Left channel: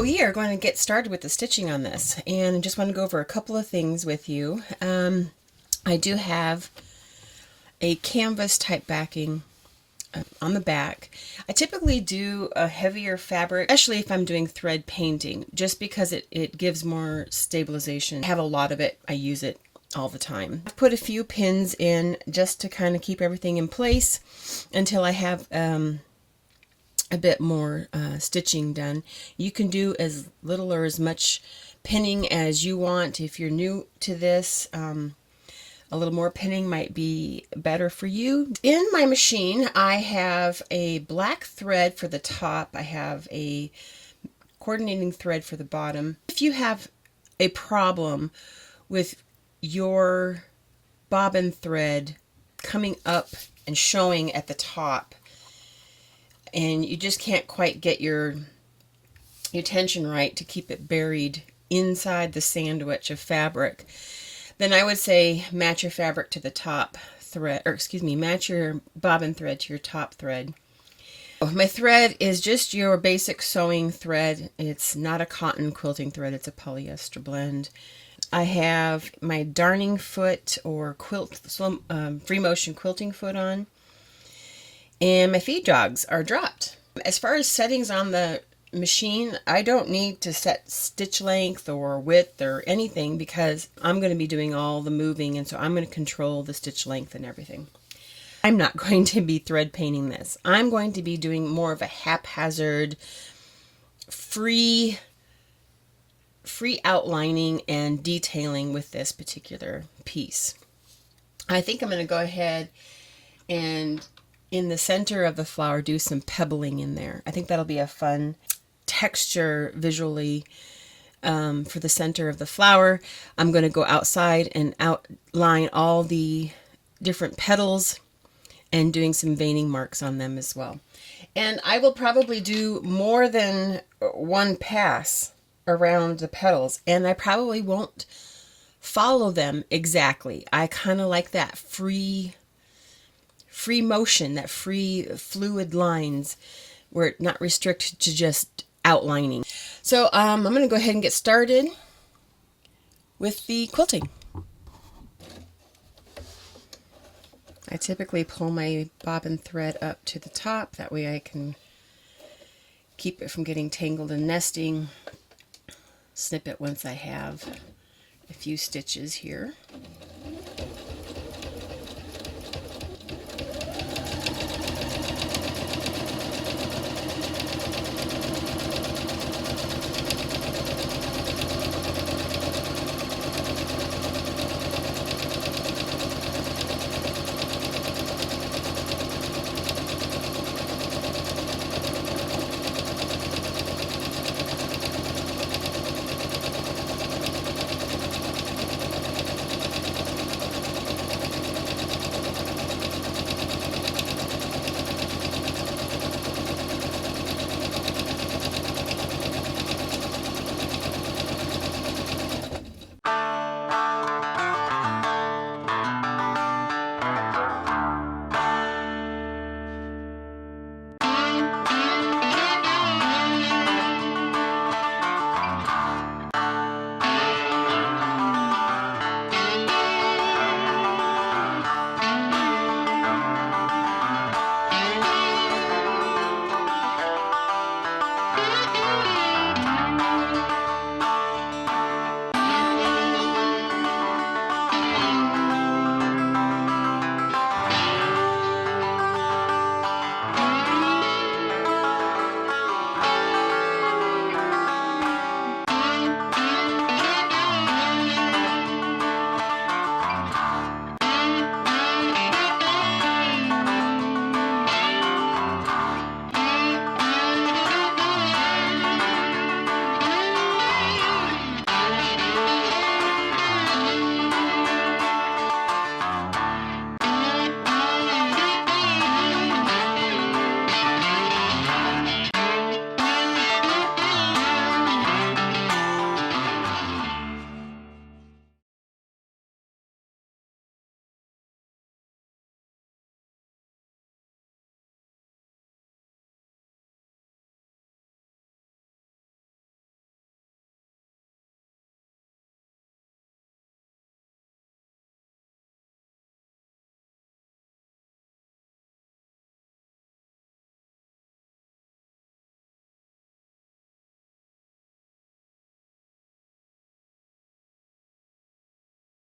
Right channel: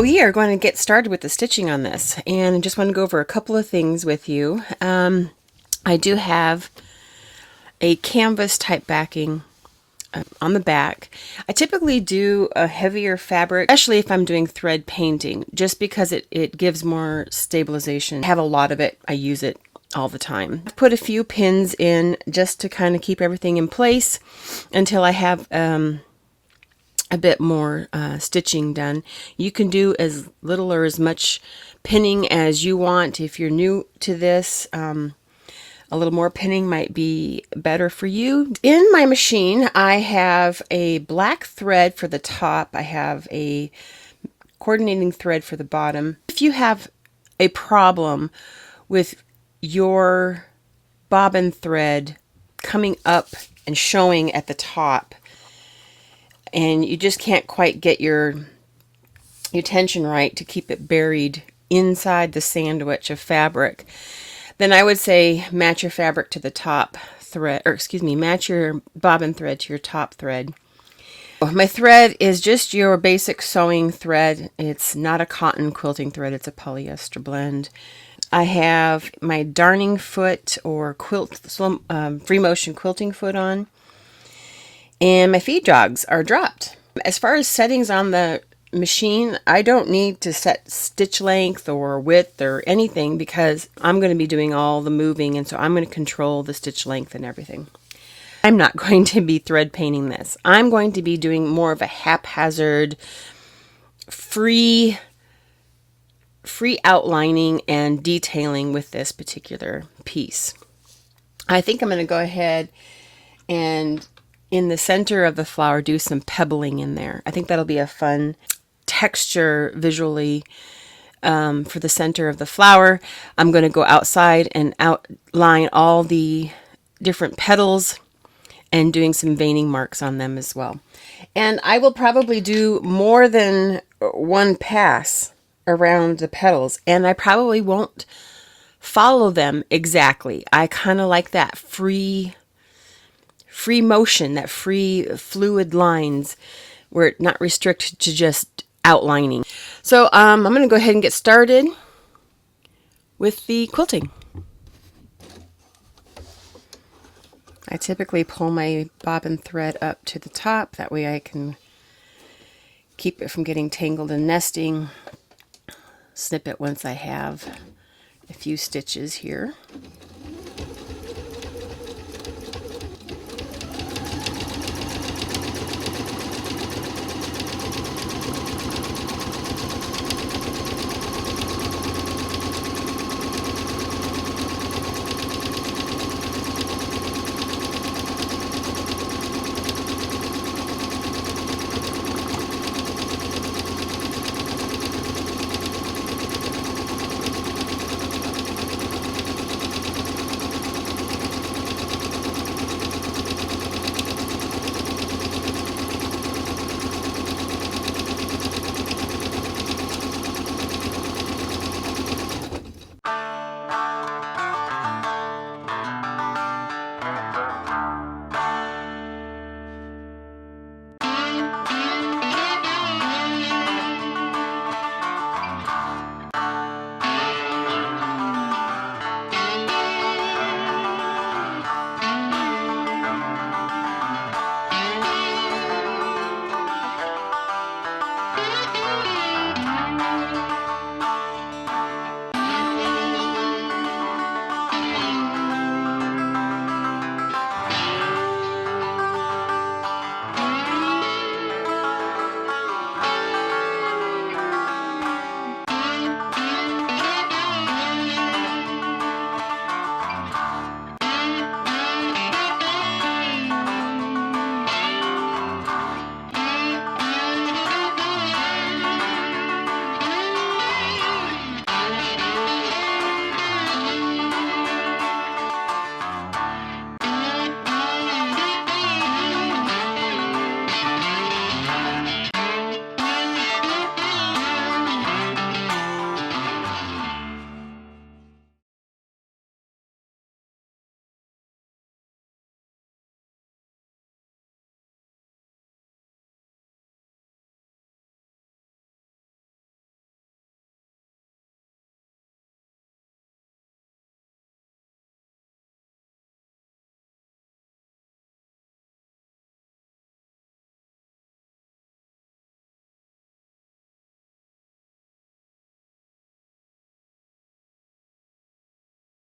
So we are going to get started with the stitching on this, and I just want to go over a couple of things with you. I do have a canvas type backing on the back. I typically do a heavier fabric, especially if I'm doing thread painting, just because it gives more stabilization. I have a lot of it. I use it all the time. I've put a few pins in just to kind of keep everything in place until I have a bit more stitching done. You can do as little or as much pinning as you want. If you're new to this, a little more pinning might be better for you. In my machine, I have a black thread for the top. I have a coordinating thread for the bottom. If you have a problem with your bobbin thread coming up and showing at the top, and you just can't quite get your tension right to keep it buried inside the sandwich of fabric, then I would say match your fabric to the top thread, or excuse me, match your bobbin thread to your top thread. My thread is just your basic sewing thread. It's not a cotton quilting thread, it's a polyester blend. I have my darning foot or free motion quilting foot on, and my feed jogs are dropped. As far as settings on the machine, I don't need to set stitch length or width or anything because I'm going to be doing all the moving, and so I'm going to control the stitch length and everything. I'm not going to be thread painting this. I'm going to be doing more of a haphazard, free outlining and detailing with this particular piece. I think I'm going to go ahead and in the center of the flower do some pebbling in there. I think that'll be a fun texture visually for the center of the flower. I'm going to go outside and outline all the different petals and doing some veining marks on them as well. And I will probably do more than one pass around the petals, and I probably won't follow them exactly. I kind of like that free motion, that free fluid lines where it's not restricted to just outlining. So I'm going to go ahead and get started with the quilting. I typically pull my bobbin thread up to the top, that way I can keep it from getting tangled and nesting. Snip it once I have a few stitches here.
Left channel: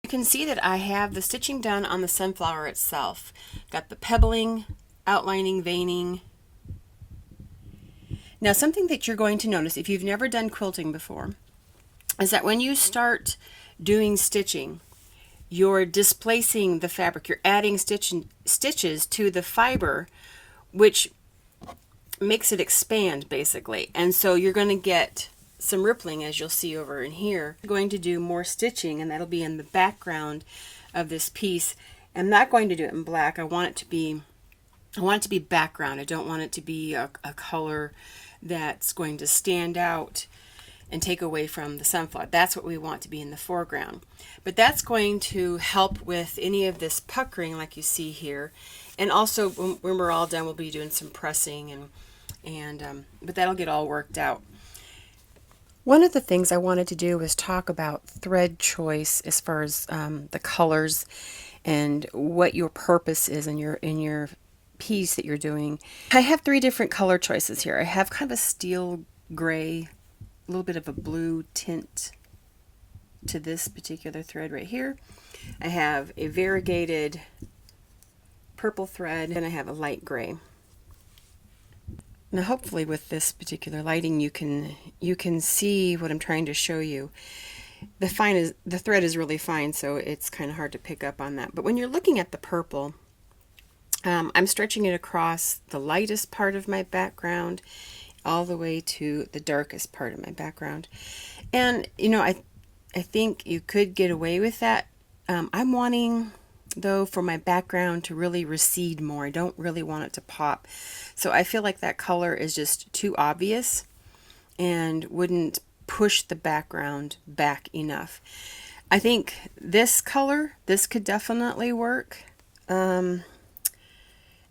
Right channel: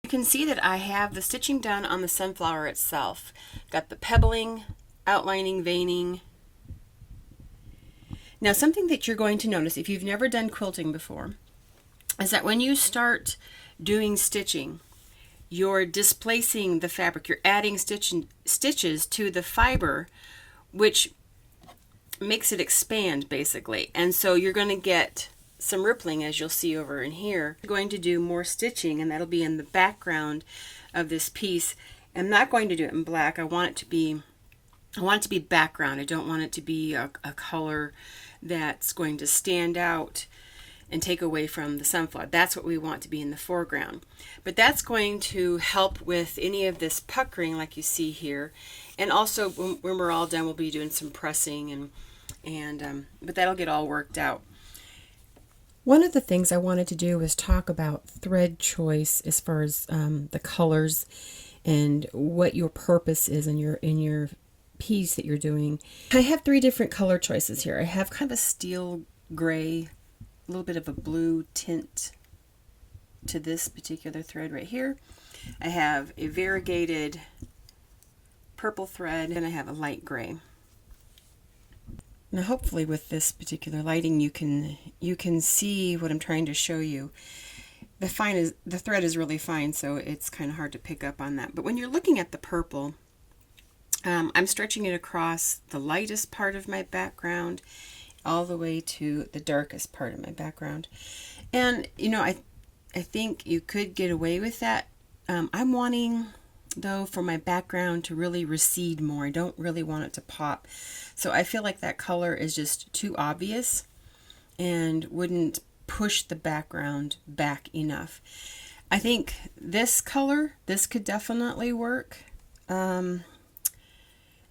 You can see that I have the stitching done on the sunflower itself. Got the pebbling, outlining, veining. Now something that you're going to notice if you've never done quilting before is that when you start doing stitching, you're displacing the fabric. You're adding stitches to the fiber, which makes it expand basically. And so you're going to get some rippling, as you'll see over in here. I'm going to do more stitching, and that'll be in the background of this piece. I'm not going to do it in black. I want it to be background. I don't want it to be a color that's going to stand out and take away from the sunflower. That's what we want to be in the foreground. But that's going to help with any of this puckering like you see here. And also when we're all done, we'll be doing some pressing, but that'll get all worked out. One of the things I wanted to do was talk about thread choice as far as the colors and what your purpose is in your piece that you're doing. I have 3 different color choices here. I have kind of a steel gray, a little bit of a blue tint to this particular thread right here. I have a variegated purple thread, and I have a light gray. Now hopefully with this particular lighting you can see what I'm trying to show you. The thread is really fine, so it's kind of hard to pick up on that. But when you're looking at the purple, I'm stretching it across the lightest part of my background all the way to the darkest part of my background. And you know, I think you could get away with that. I'm wanting though for my background to really recede more. I don't really want it to pop. So I feel like that color is just too obvious and wouldn't push the background back enough. I think this color, this could definitely work.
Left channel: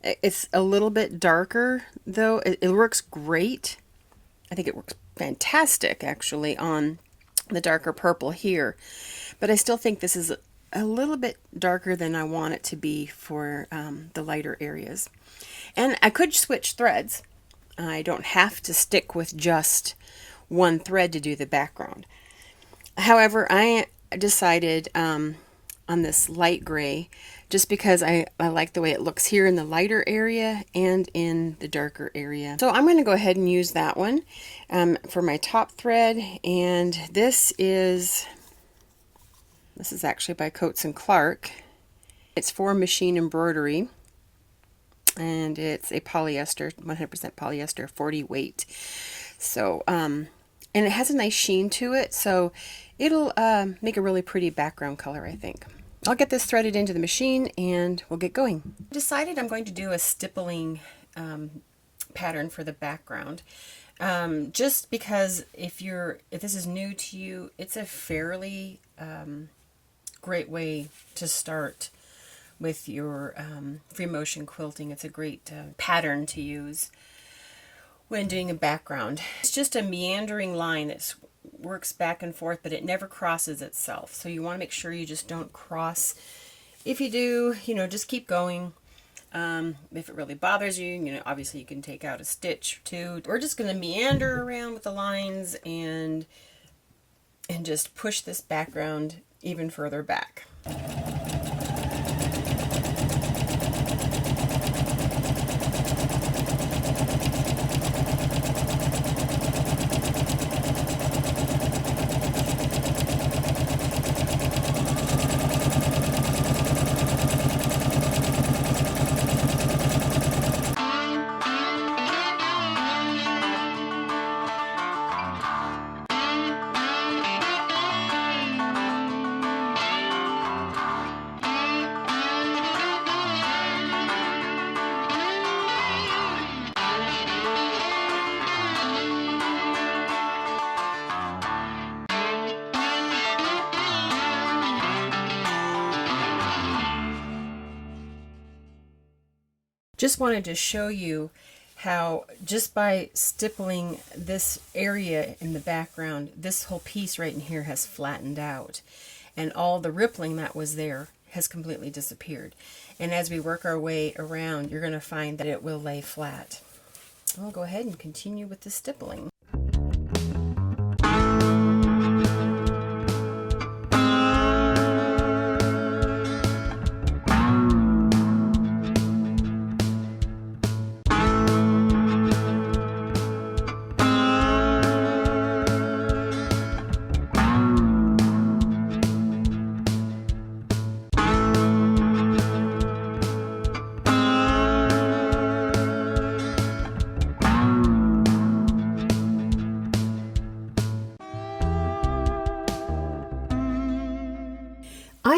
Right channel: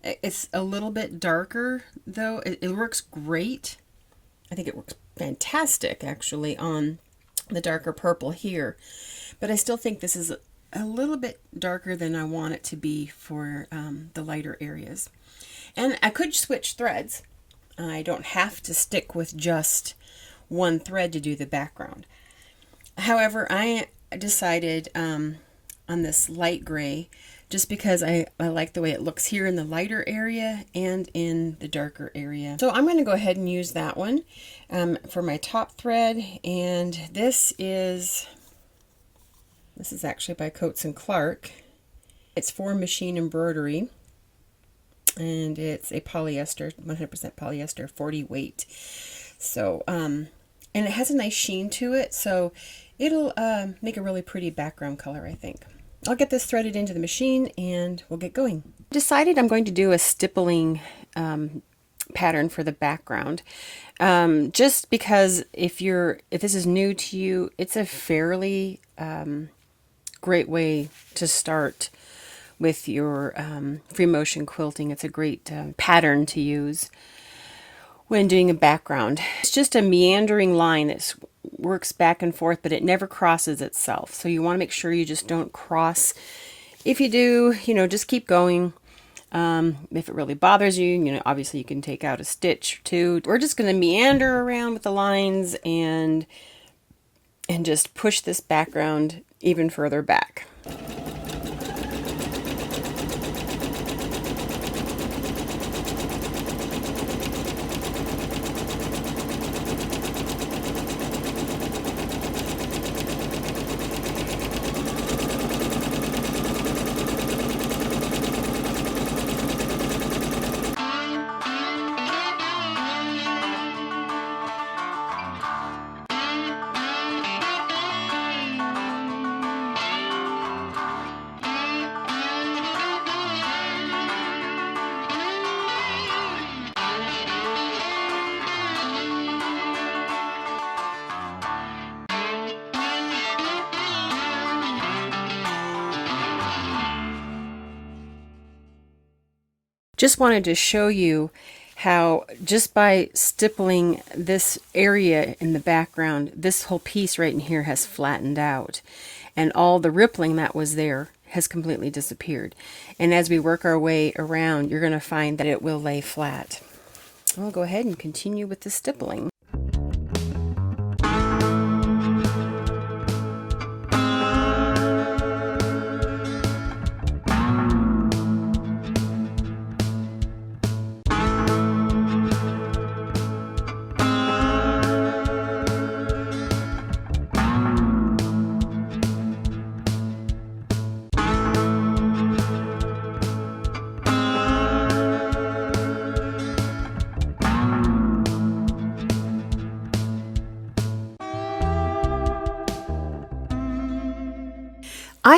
It's a little bit darker though. It works great. I think it works fantastic actually on the darker purple here. But I still think this is a little bit darker than I want it to be for the lighter areas. And I could switch threads. I don't have to stick with just one thread to do the background. However, I decided on this light gray just because I like the way it looks here in the lighter area and in the darker area. So I'm going to go ahead and use that one for my top thread. And this is actually by Coats and Clark. It's for machine embroidery, and it's a polyester, 100% polyester, 40 weight. So, and it has a nice sheen to it, so it'll make a really pretty background color, I think. I'll get this threaded into the machine and we'll get going. Decided I'm going to do a stippling pattern for the background. Just because if this is new to you, it's a fairly great way to start with your free motion quilting. It's a great pattern to use when doing a background. It's just a meandering line that works back and forth, but it never crosses itself. So you want to make sure you just don't cross. If you do, just keep going. If it really bothers you, obviously you can take out a stitch or two. We're just going to meander around with the lines and just push this background even further back. Just wanted to show you how just by stippling this area in the background, this whole piece right in here has flattened out, and all the rippling that was there has completely disappeared. And as we work our way around, you're going to find that it will lay flat. I'll go ahead and continue with the stippling.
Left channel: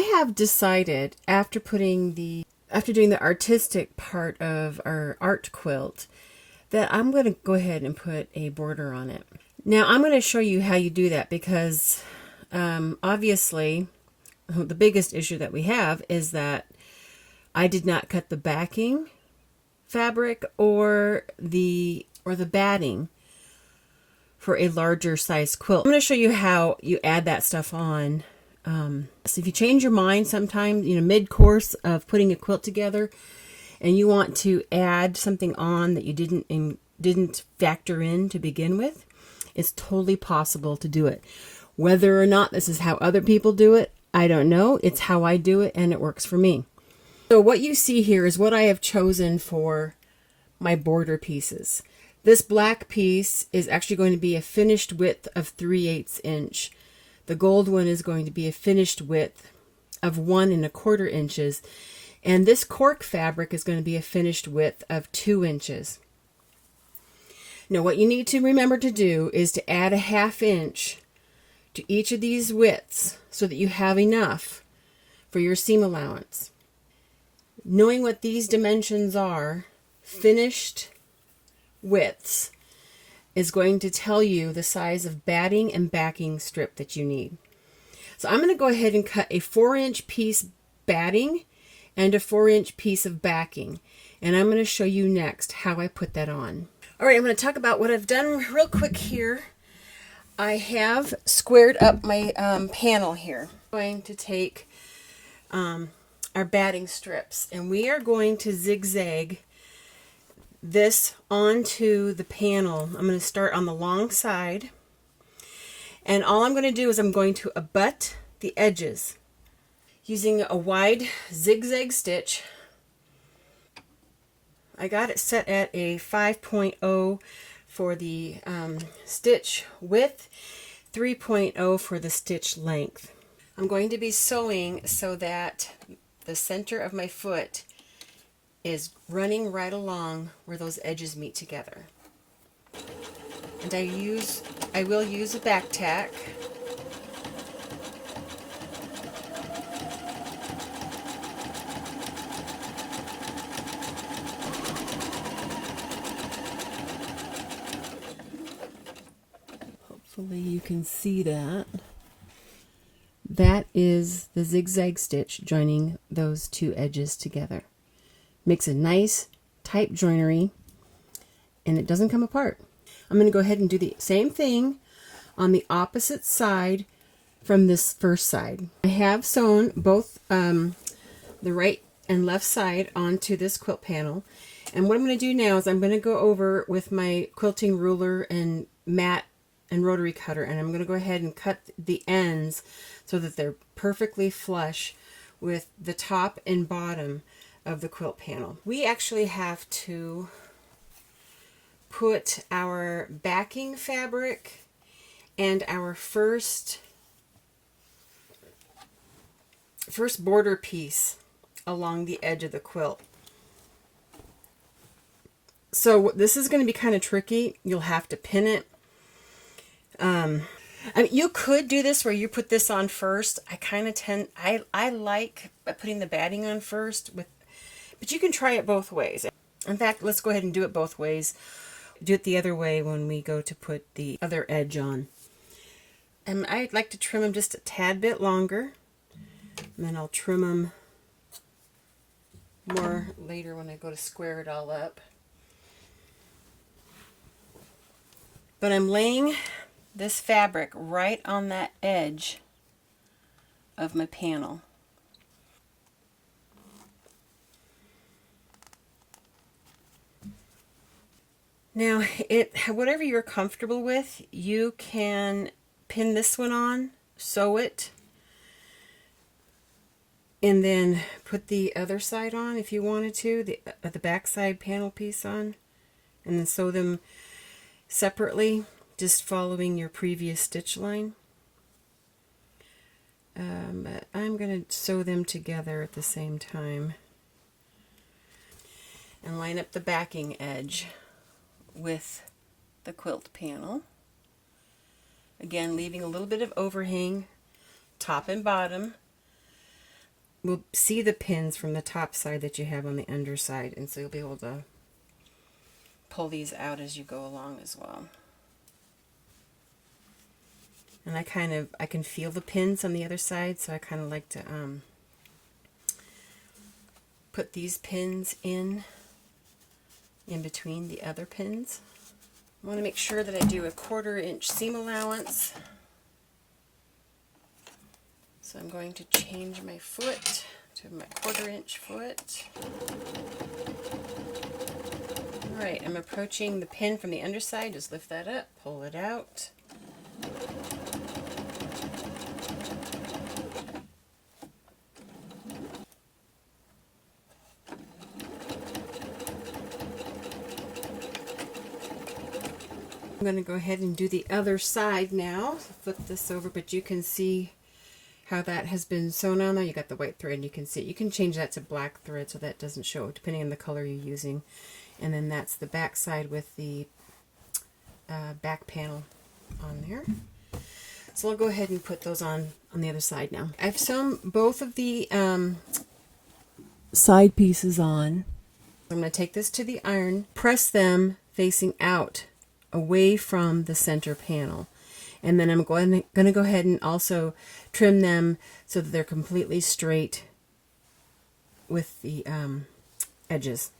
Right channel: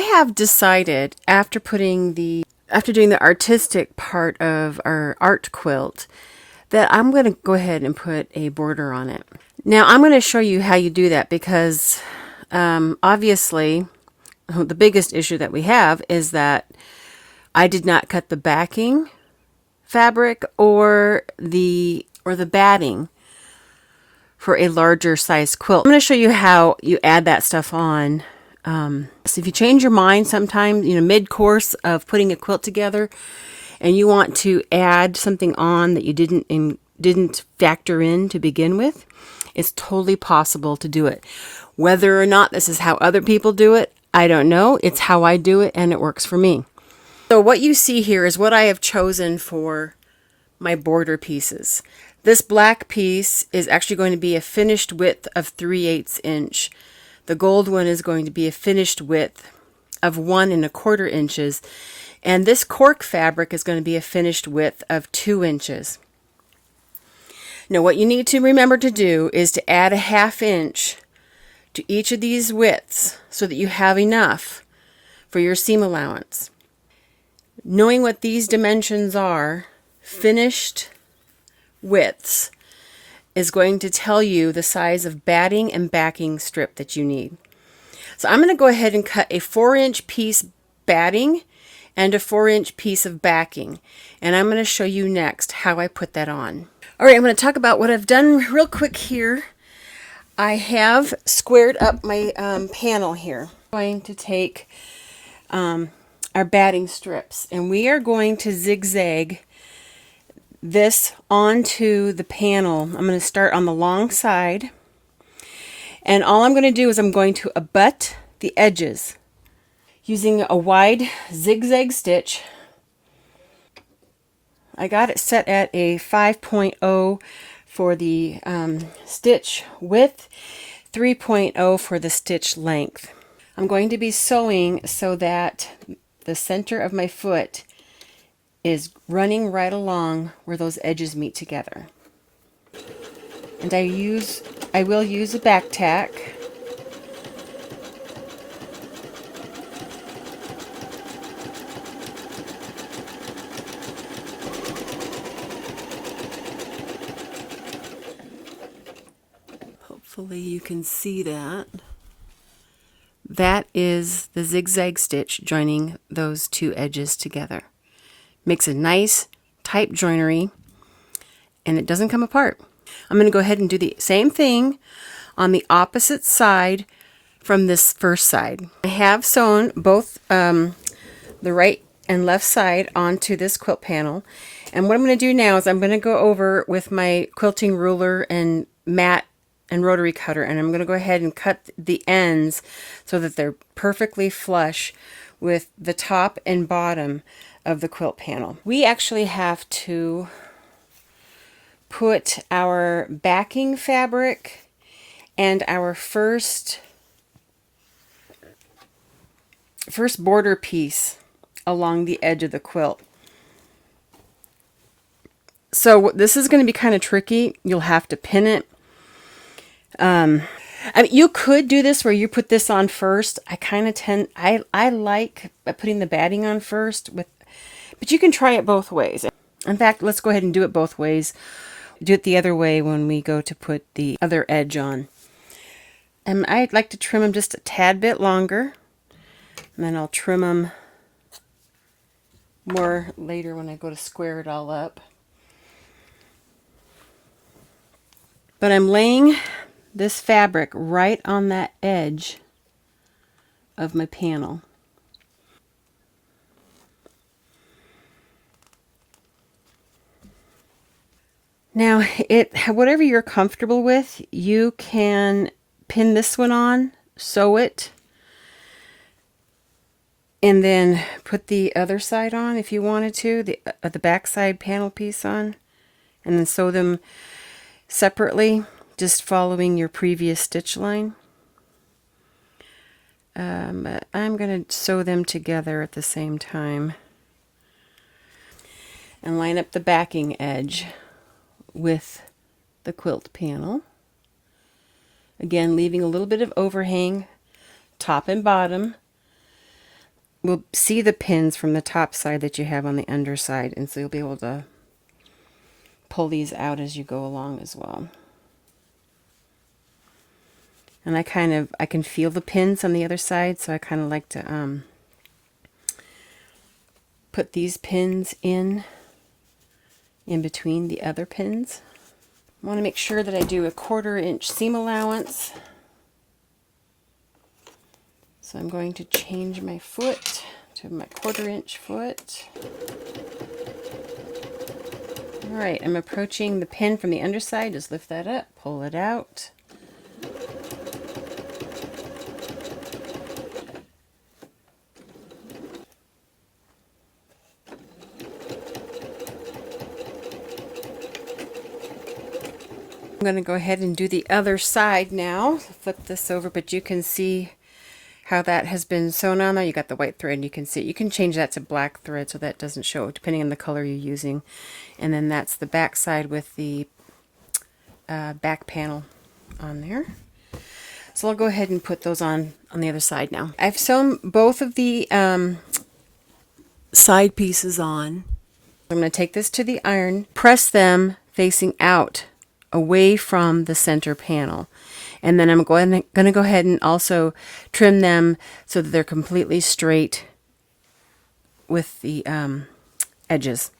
I have decided after doing the artistic part of our art quilt that I'm going to go ahead and put a border on it. Now I'm going to show you how you do that because obviously the biggest issue that we have is that I did not cut the backing fabric or the batting for a larger size quilt. I'm going to show you how you add that stuff on. So if you change your mind sometime, mid-course of putting a quilt together, and you want to add something on that you didn't factor in to begin with, it's totally possible to do it. Whether or not this is how other people do it, I don't know. It's how I do it, and it works for me. So what you see here is what I have chosen for my border pieces. This black piece is actually going to be a finished width of 3/8 inch. The gold one is going to be a finished width of 1 1/4 inches. And this cork fabric is going to be a finished width of 2 inches. Now what you need to remember to do is to add a 1/2 inch to each of these widths so that you have enough for your seam allowance. Knowing what these dimensions are, finished widths, is going to tell you the size of batting and backing strip that you need. So I'm going to go ahead and cut a 4-inch piece batting and a 4-inch piece of backing, and I'm going to show you next how I put that on. Alright, I'm going to talk about what I've done real quick here. I have squared up my panel here. I'm going to take our batting strips, and we are going to zigzag this onto the panel. I'm going to start on the long side, and all I'm going to do is I'm going to abut the edges using a wide zigzag stitch. I got it set at a 5.0 for the stitch width, 3.0 for the stitch length. I'm going to be sewing so that the center of my foot is running right along where those edges meet together. And I will use a back tack. Hopefully you can see that. That is the zigzag stitch joining those two edges together. Makes a nice tight joinery, and it doesn't come apart. I'm going to go ahead and do the same thing on the opposite side from this first side. I have sewn both the right and left side onto this quilt panel, and what I'm going to do now is I'm going to go over with my quilting ruler and mat and rotary cutter, and I'm going to go ahead and cut the ends so that they're perfectly flush with the top and bottom of the quilt panel. We actually have to put our backing fabric and our first border piece along the edge of the quilt. So this is going to be kind of tricky. You'll have to pin it. I mean, you could do this where you put this on first. I like putting the batting on first, but you can try it both ways. In fact, let's go ahead and do it both ways. Do it the other way when we go to put the other edge on. And I'd like to trim them just a tad bit longer, and then I'll trim them more later when I go to square it all up. But I'm laying this fabric right on that edge of my panel. Now, whatever you're comfortable with, you can pin this one on, sew it, and then put the other side on if you wanted to, the back side panel piece on, and then sew them separately, just following your previous stitch line. But I'm going to sew them together at the same time and line up the backing edge with the quilt panel. Again, leaving a little bit of overhang, top and bottom. will see the pins from the top side that you have on the underside, and so you'll be able to pull these out as you go along as well. And I can feel the pins on the other side, so I kind of like to put these pins in between the other pins. I want to make sure that I do a 1/4 inch seam allowance. So I'm going to change my foot to my 1/4 inch foot. Alright, I'm approaching the pin from the underside. Just lift that up, pull it out. I'm going to go ahead and do the other side now. Flip this over, but you can see how that has been sewn on there. You got the white thread, you can see it. You can change that to black thread so that doesn't show, depending on the color you're using. And then that's the back side with the back panel on there. So I'll go ahead and put those on the other side now. I've sewn both of the side pieces on. I'm going to take this to the iron, press them facing out, away from the center panel. And then I'm going to go ahead and also trim them so that they're completely straight with the edges.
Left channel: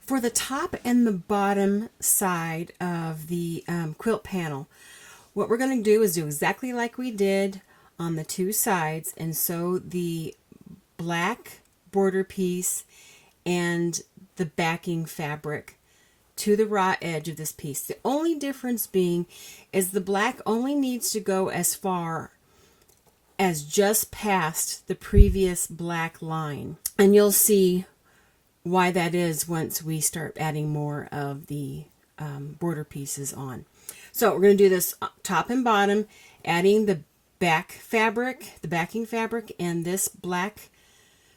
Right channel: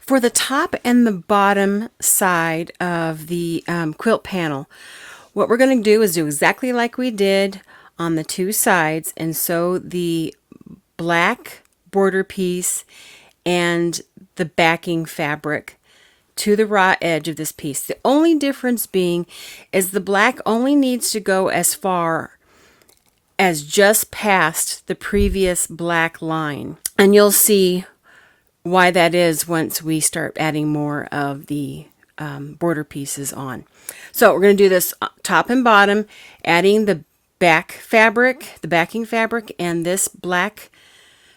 For the top and the bottom side of the quilt panel, what we're going to do is do exactly like we did on the two sides and sew the black border piece and the backing fabric to the raw edge of this piece. The only difference being is the black only needs to go as far as just past the previous black line. And you'll see why that is once we start adding more of the border pieces on. So we're going to do this top and bottom, adding the back fabric, the backing fabric, and this black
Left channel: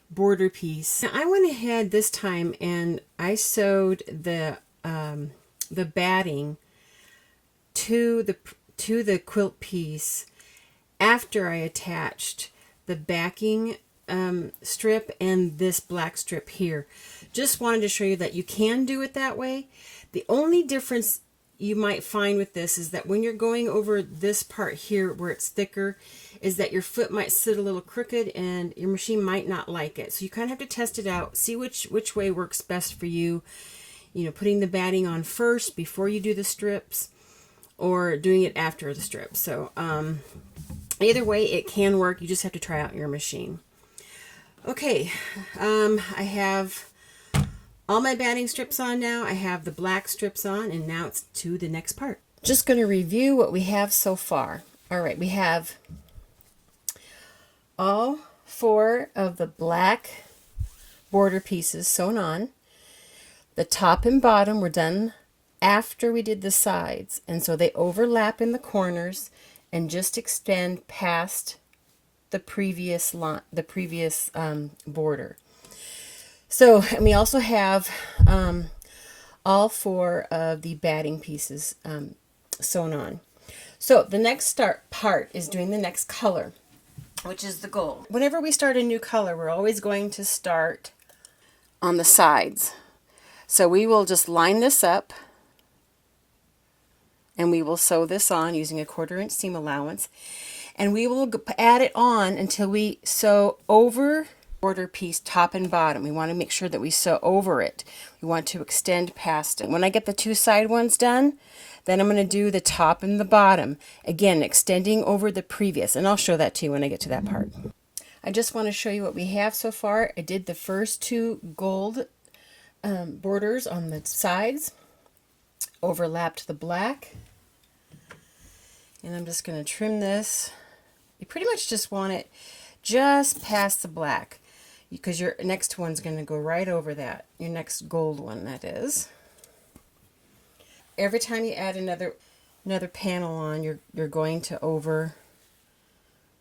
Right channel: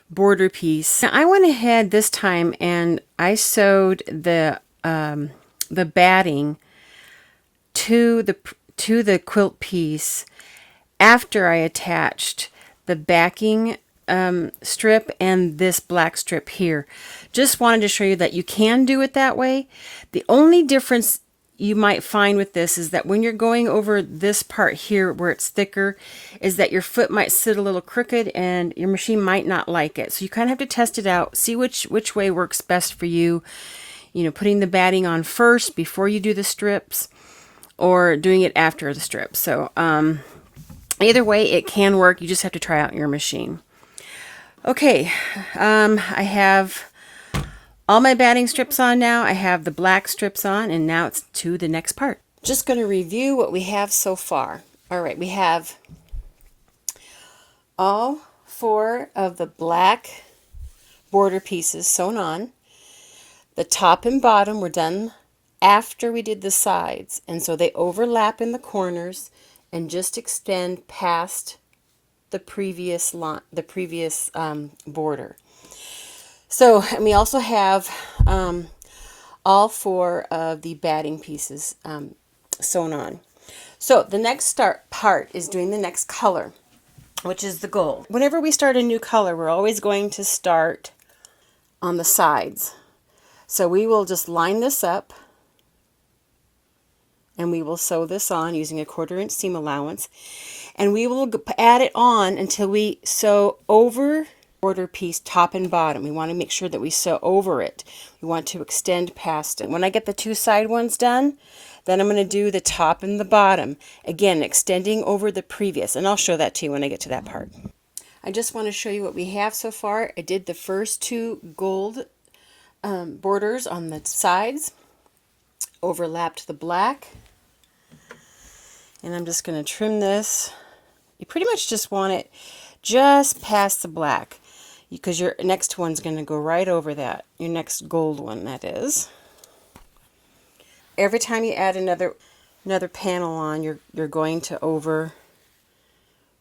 border piece. Now I went ahead this time and I sewed the batting to the quilt piece after I attached the backing strip and this black strip here. Just wanted to show you that you can do it that way. The only difference you might find with this is that when you're going over this part here where it's thicker, is that your foot might sit a little crooked and your machine might not like it. So you kind of have to test it out, see which way works best for you. You know, putting the batting on first before you do the strips, or doing it after the strips. So either way, it can work. You just have to try out your machine. Okay, I have all my batting strips on now. I have the black strips on, and now it's to the next part. Just going to review what we have so far. All right, we have all 4 of the black border pieces sewn on. The top and bottom were done after we did the sides, and so they overlap in the corners and just extend past the previous line, the previous border. So, and we also have all 4 of the batting pieces sewn on. So the next part is doing the next color, which is the gold. Whenever we start a new color, we're always going to start on the sides. So we will just line this up and we will sew this on using a 1/4 inch seam allowance, and we will add it on until we sew over border piece top and bottom. We want to make sure that we sew over it. We want to extend past it. When I get the 2 side ones done, then I'm going to do the top and the bottom, again extending over the previous, and I'll show that to you when I get to that part. I just want to show you what we have so far. I did the first 2 gold borders on the sides, overlapped the black, and I'm just going to trim this. You pretty much just want it just past the black, because your next one's going to go right over that, your next gold one, that is. Every time you add another panel on, you're going to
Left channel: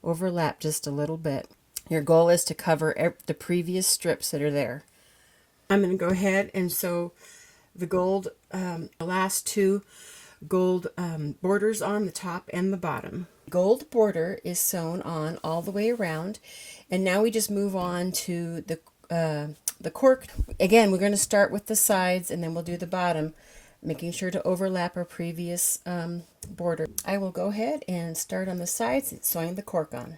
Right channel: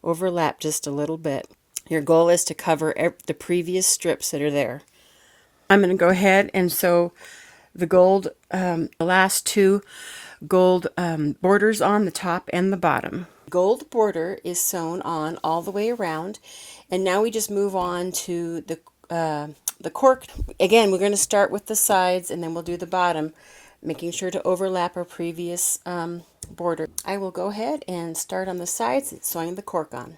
overlap just a little bit. Your goal is to cover the previous strips that are there. I'm going to go ahead and sew the gold, the last 2 gold borders on the top and the bottom. gold border is sewn on all the way around, and now we just move on to the cork. Again, we're going to start with the sides and then we'll do the bottom, making sure to overlap our previous border. I will go ahead and start on the sides, sewing the cork on.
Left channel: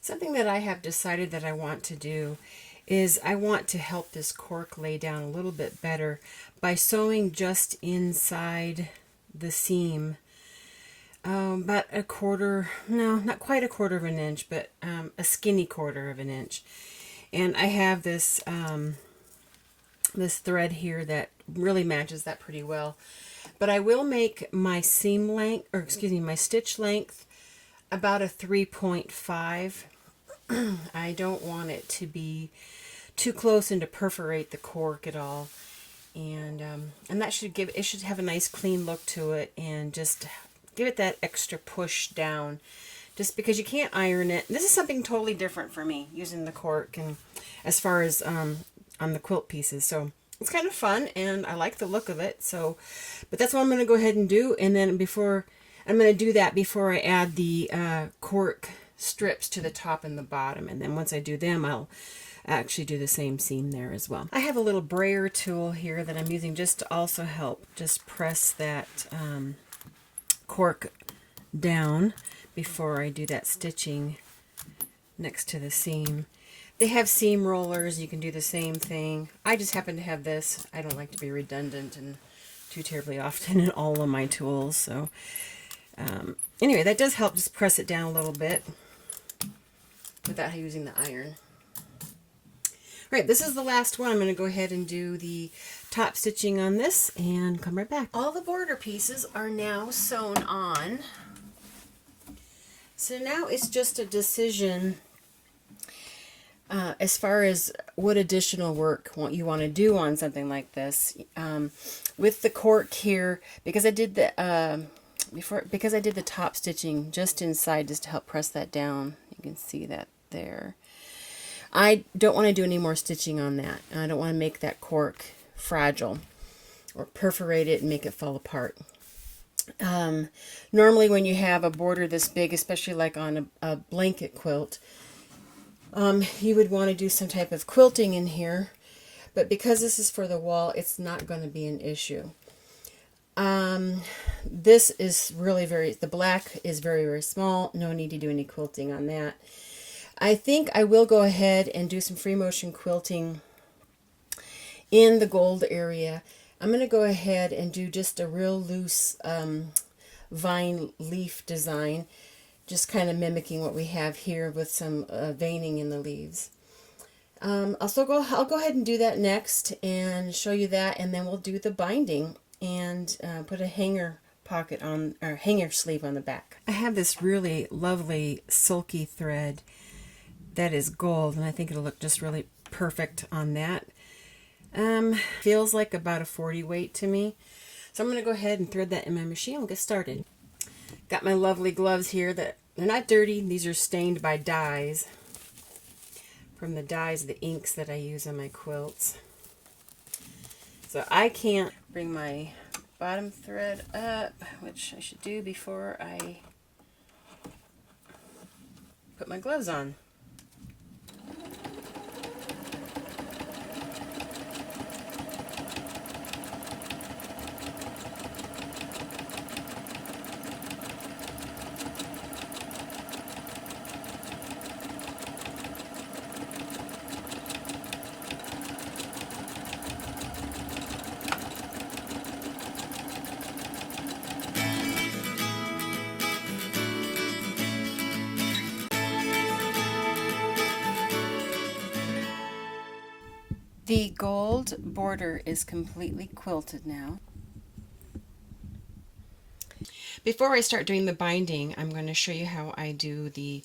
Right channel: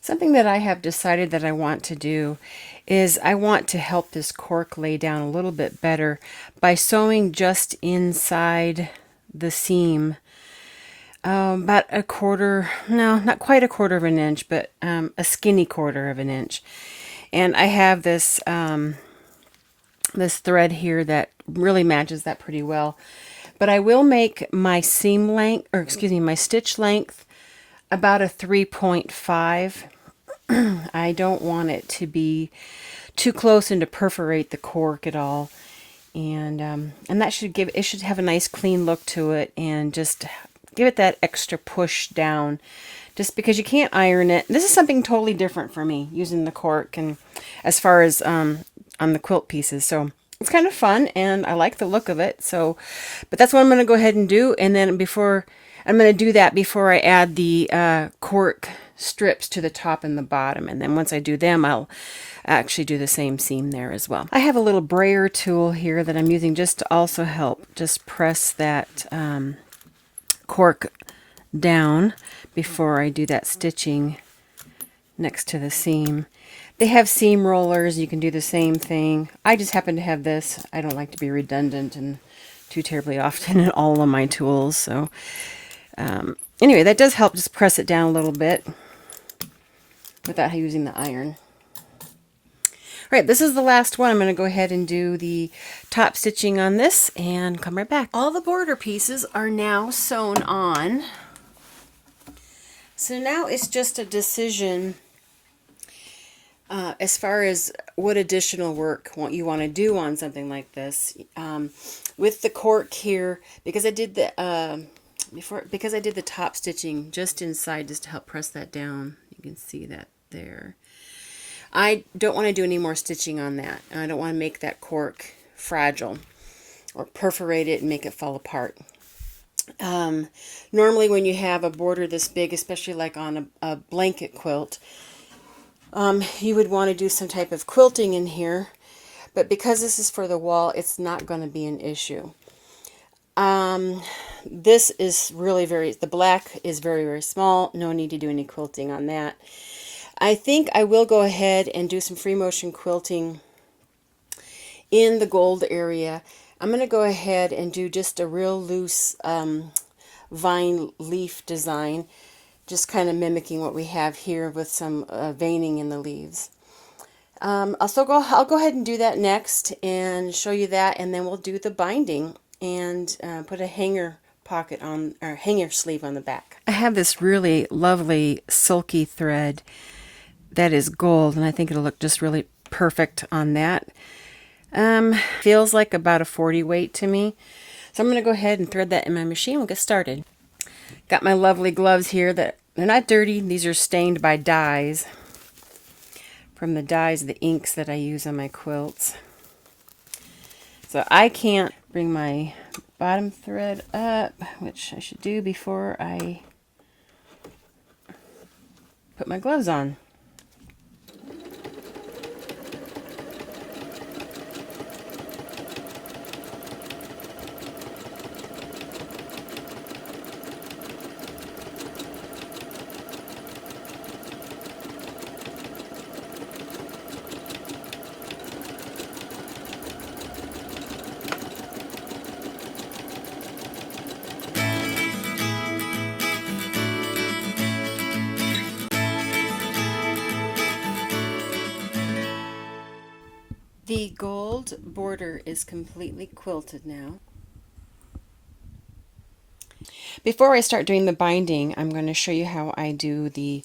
Something that I have decided that I want to do is I want to help this cork lay down a little bit better by sewing just inside the seam, about a quarter, no, not quite a quarter of an inch, but a skinny quarter of an inch. And I have this this thread here that really matches that pretty well. But I will make my seam length, or excuse me, my stitch length about a 3.5. I don't want it to be too close and to perforate the cork at all. And that should give, it should have a nice clean look to it and just give it that extra push down, just because you can't iron it. This is something totally different for me, using the cork and as far as on the quilt pieces. So it's kind of fun and I like the look of it. So, but that's what I'm going to go ahead and do. And then I'm going to do that before I add the cork strips to the top and the bottom. And then once I do them, I'll actually do the same seam there as well. I have a little brayer tool here that I'm using just to also help just press that cork down before I do that stitching next to the seam. They have seam rollers, you can do the same thing. I just happen to have this. I don't like to be redundant and too terribly often in all of my tools. So anyway, that does help just press it down a little bit without using the iron. All right, this is the last one. I'm going to go ahead and do the top stitching on this and come right back. All the border pieces are now sewn on. So now it's just a decision as far as what additional work you want to do on something like this. With the cork here, because I did the because I did the top stitching just inside just to help press that down. You can see that there. I don't want to do any more stitching on that. I don't want to make that cork fragile or perforate it and make it fall apart. Normally when you have a border this big, especially like on a blanket quilt, you would want to do some type of quilting in here, but because this is for the wall, it's not going to be an issue. This is really the black is very, very small. No need to do any quilting on that. I think I will go ahead and do some free motion quilting in the gold area. I'm going to go ahead and do just a real loose vine leaf design, just kind of mimicking what we have here with some veining in the leaves. I'll go ahead and do that next and show you that, and then we'll do the binding and put a hanger pocket on, or hanger sleeve on the back. I have this really lovely silky thread that is gold, and I think it'll look just really perfect on that. Feels like about a 40 weight to me. So I'm going to go ahead and thread that in my machine. We'll get started. Got my lovely gloves here that they're not dirty. These are stained by dyes, from the dyes, the inks that I use on my quilts. So I can't bring my bottom thread up, which I should do before I put my gloves on. The gold border is completely quilted now. Before I start doing the binding, I'm going to show you how I do the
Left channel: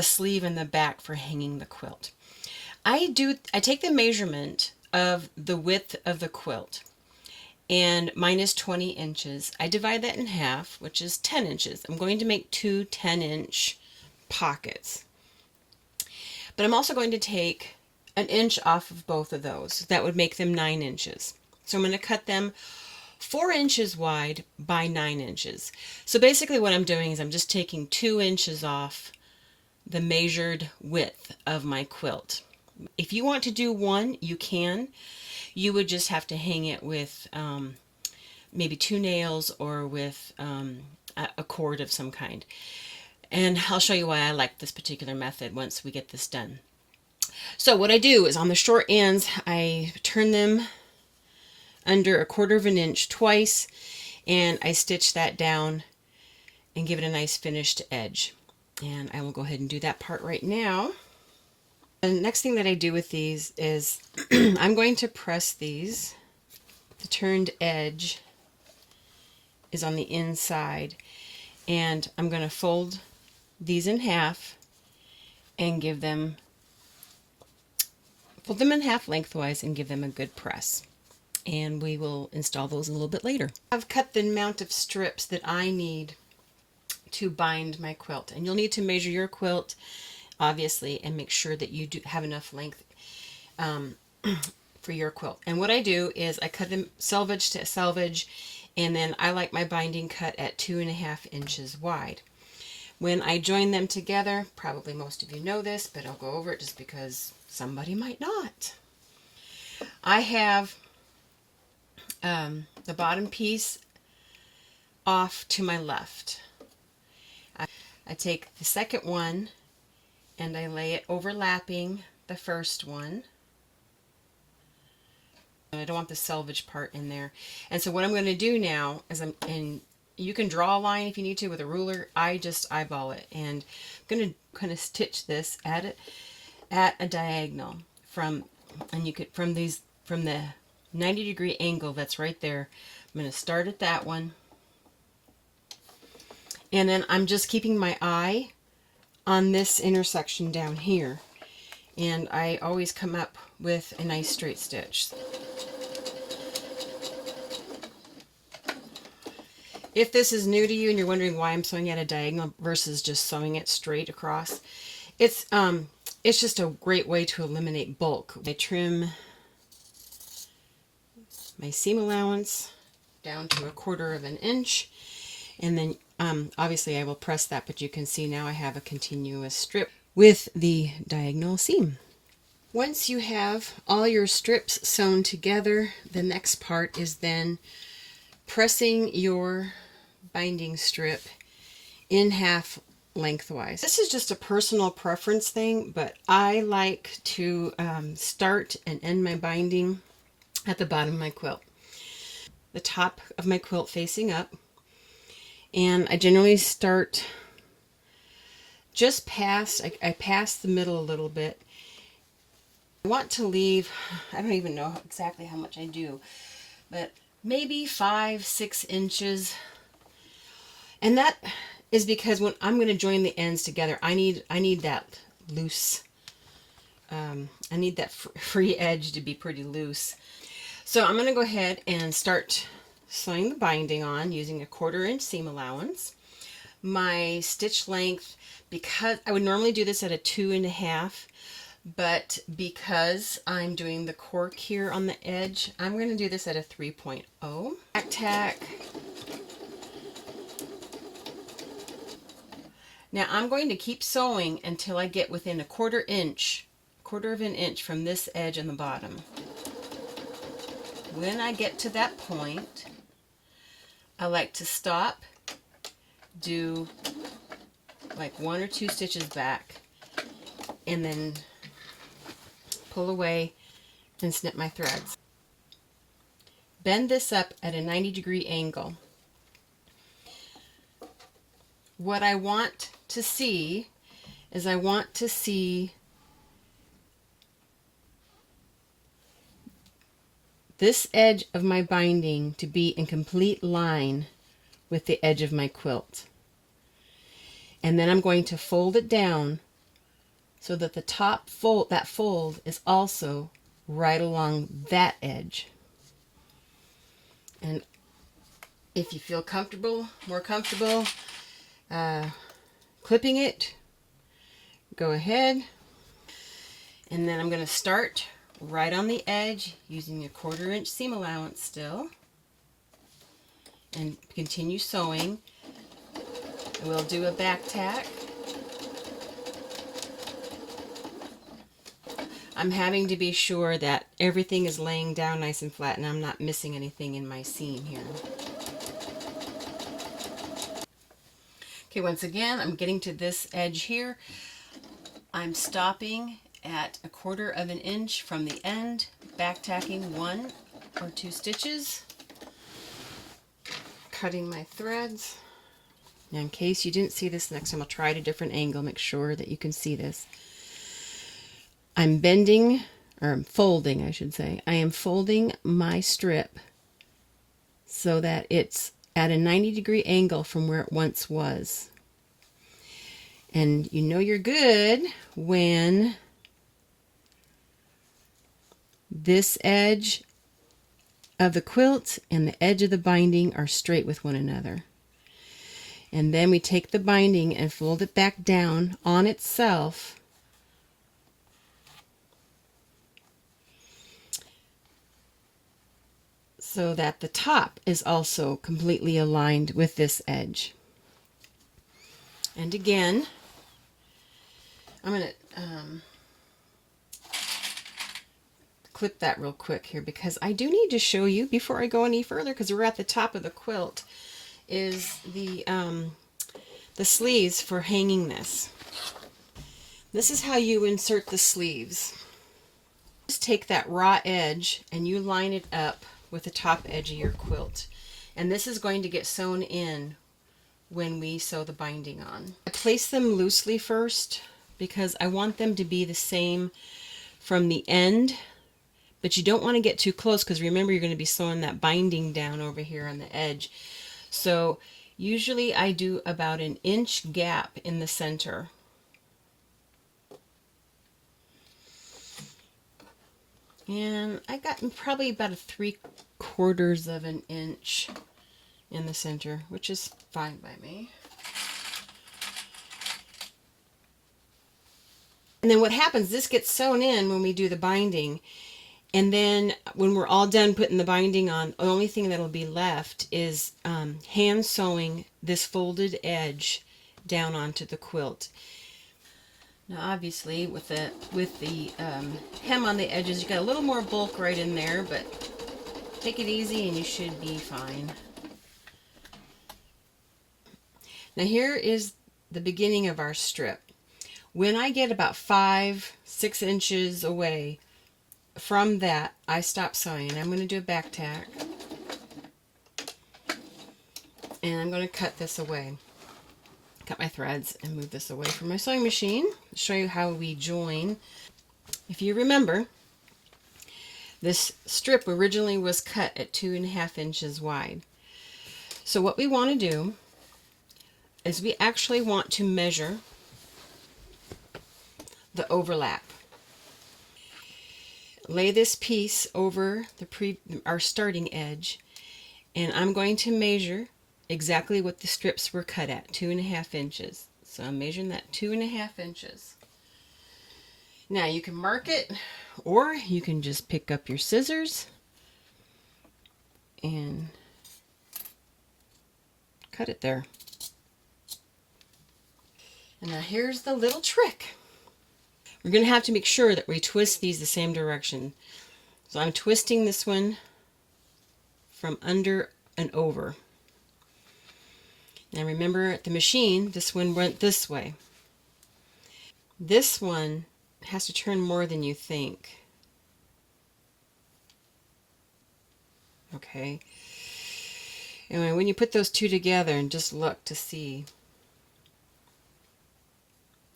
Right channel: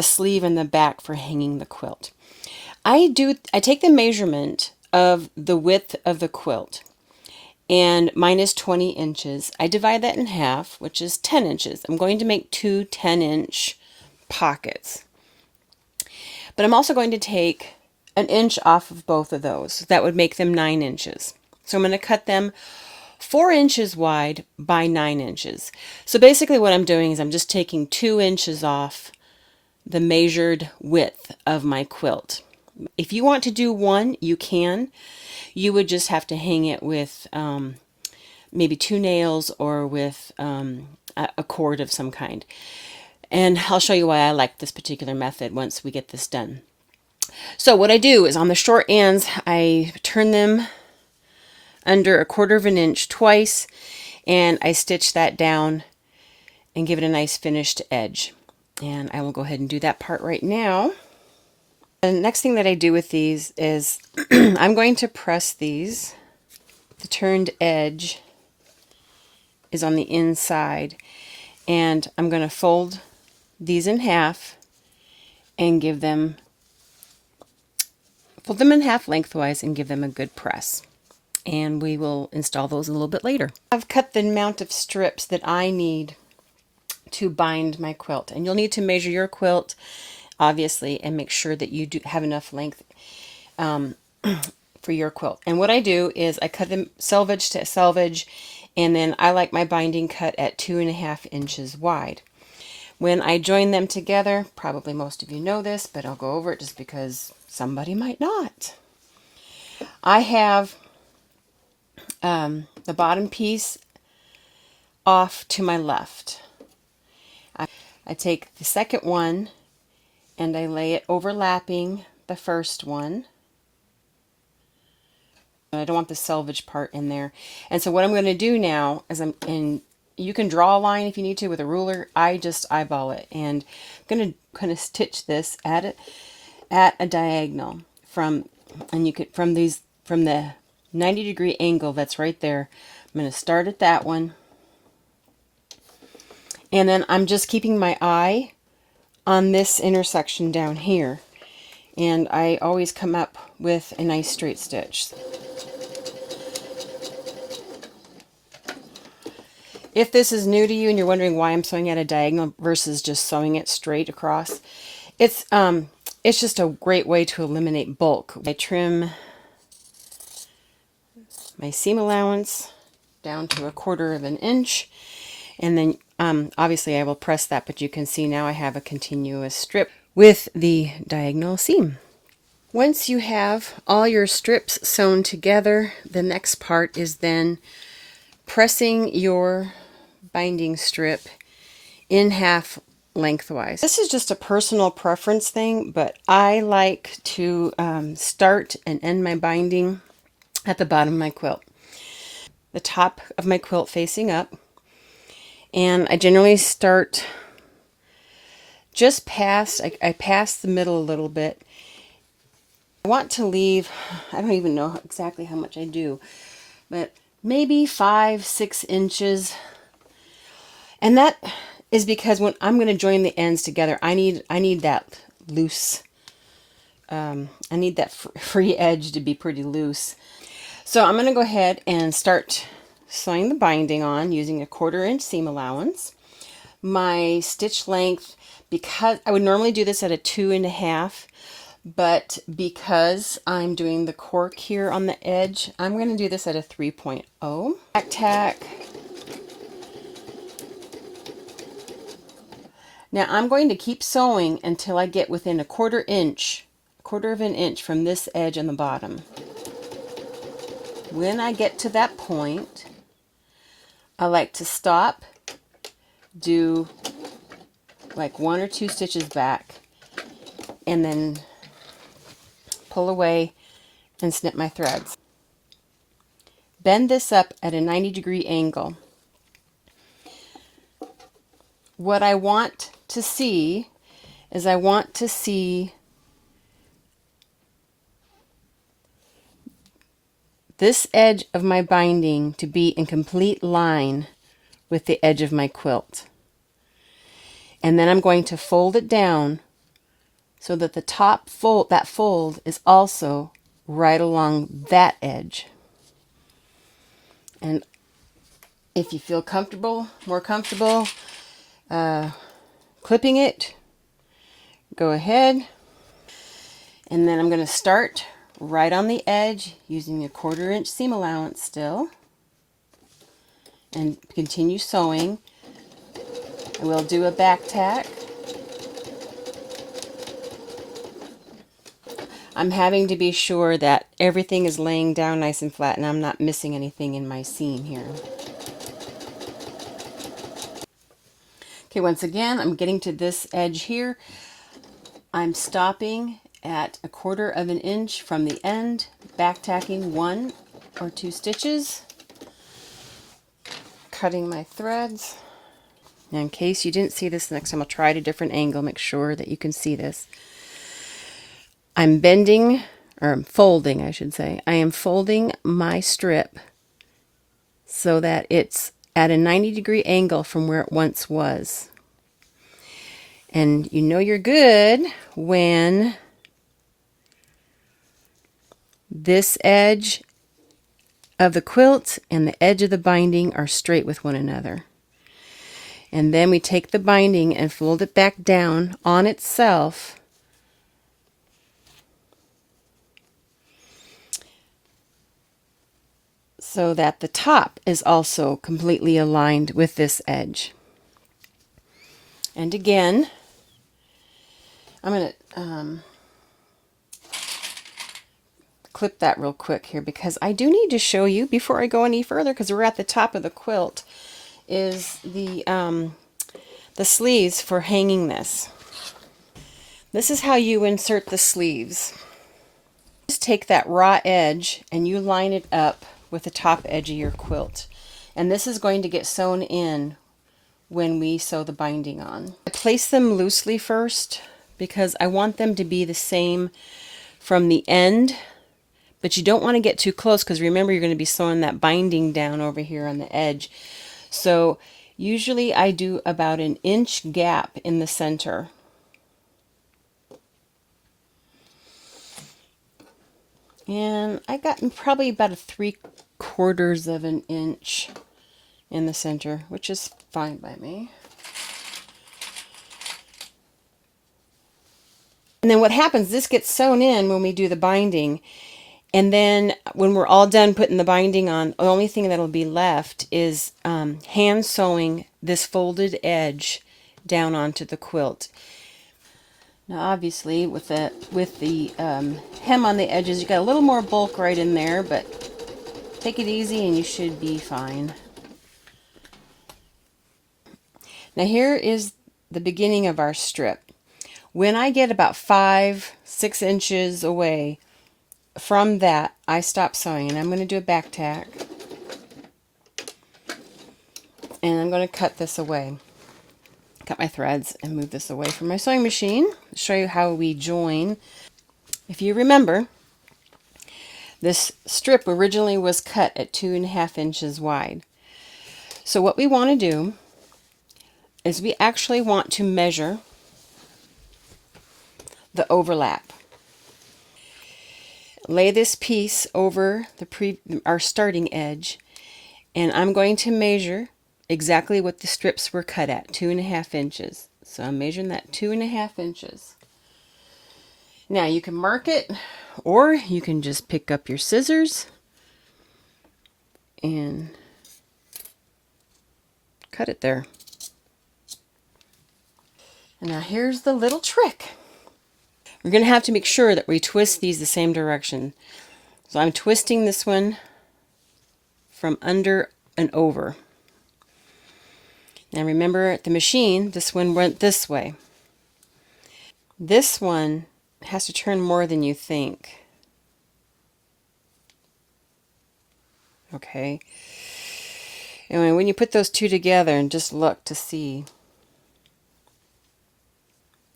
sleeve and the back for hanging the quilt. I take the measurement of the width of the quilt, and mine is 20 inches. I divide that in half, which is 10 inches. I'm going to make two 10-inch pockets. But I'm also going to take an inch off of both of those. That would make them 9 inches. So I'm going to cut them 4 inches wide by 9 inches. So basically what I'm doing is I'm just taking 2 inches off the measured width of my quilt. If you want to do 1, you can. You would just have to hang it with maybe 2 nails or with a cord of some kind. And I'll show you why I like this particular method once we get this done. So what I do is on the short ends, I turn them under 1/4 of an inch twice, and I stitch that down and give it a nice finished edge. And I will go ahead and do that part right now. The next thing that I do with these is I'm going to press these. The turned edge is on the inside, and I'm going to fold these in half and fold them in half lengthwise and give them a good press. And we will install those a little bit later. I've cut the amount of strips that I need to bind my quilt, and you'll need to measure your quilt obviously and make sure that you do have enough length for your quilt. And what I do is I cut them selvage to selvage, and then I like my binding cut at 2.5 inches wide. When I join them together, probably most of you know this, but I'll go over it just because somebody might not. I have the bottom piece off to my left. I take the second one and I lay it overlapping the first one. I don't want the selvage part in there. And so what I'm going to do now is you can draw a line if you need to with a ruler. I just eyeball it, and I'm going to kind of stitch this at a diagonal from the 90-degree angle that's right there. I'm going to start at that one, and then I'm just keeping my eye on this intersection down here, and I always come up with a nice straight stitch. If this is new to you and you're wondering why I'm sewing at a diagonal versus just sewing it straight across, it's just a great way to eliminate bulk. I trim my seam allowance down to 1/4 of an inch, and then obviously I will press that, but you can see now I have a continuous strip with the diagonal seam. Once you have all your strips sewn together, the next part is then pressing your binding strip in half lengthwise. This is just a personal preference thing, but I like to start and end my binding at the bottom of my quilt. The top of my quilt facing up, and I generally start just past, I pass the middle a little bit. I want to leave, I don't even know exactly how much I do, but maybe 5-6 inches. And that is because when I'm going to join the ends together, I need that loose, I need that free edge to be pretty loose. So I'm going to go ahead and start sewing the binding on using a 1/4 inch seam allowance. My stitch length, because I would normally do this at a 2.5, but because I'm doing the cork here on the edge, I'm going to do this at a 3.0. Back tack. Now I'm going to keep sewing until I get within a 1/4 of an inch from this edge on the bottom. When I get to that point, I like to stop, do like 1 or 2 stitches back, and then pull away and snip my threads. Bend this up at a 90-degree angle. What I want to see is I want to see this edge of my binding to be in complete line with the edge of my quilt. And then I'm going to fold it down so that the top fold, that fold is also right along that edge. And if you feel more comfortable clipping it, go ahead. And then I'm going to start right on the edge using a 1/4 inch seam allowance still. and continue sewing. And we'll do a back tack. I'm having to be sure that everything is laying down nice and flat and I'm not missing anything in my seam here. Okay, once again, I'm getting to this edge here. I'm stopping at 1/4 of an inch from the end, back tacking 1 or 2 stitches, cutting my threads. Now, in case you didn't see this, next time I'll try at a different angle, make sure that you can see this. I'm bending, or folding, I should say. I am folding my strip so that it's at a 90-degree angle from where it once was. And you know you're good when this edge of the quilt and the edge of the binding are straight with one another. And then we take the binding and fold it back down on itself so that the top is also completely aligned with this edge. And again, I'm going to clip that real quick here because I do need to show you before I go any further, because we're at the top of the quilt, is the sleeves for hanging this. This is how you insert the sleeves. Just take that raw edge and you line it up with the top edge of your quilt. And this is going to get sewn in when we sew the binding on. I place them loosely first because I want them to be the same from the end, but you don't want to get too close because remember you're going to be sewing that binding down over here on the edge. So usually I do about an inch gap in the center. And I got probably about a 3/4 of an inch in the center, which is fine by me. And then what happens, this gets sewn in when we do the binding. And then when we're all done putting the binding on, the only thing that'll be left is hand sewing this folded edge down onto the quilt. Now obviously with the hem on the edges, you got a little more bulk right in there, but take it easy and you should be fine. Now here is the beginning of our strip. When I get about 5-6 inches away from that, I stop sewing and I'm going to do a back tack. And I'm going to cut this away. Cut my threads and move this away from my sewing machine. Show you how we join. If you remember, this strip originally was cut at 2.5 inches wide. So what we want to do is we actually want to measure the overlap. Lay this piece over our starting edge, and I'm going to measure exactly what the strips were cut at, 2.5 inches. So I'm measuring that 2.5 inches. Now you can mark it, or you can just pick up your scissors and cut it there. And now here's the little trick. We're going to have to make sure that we twist these the same direction. So I'm twisting this one from under and over. Now remember, at the machine, this one went this way. This one has to turn more than you think. Okay. And when you put those two together and just look to see,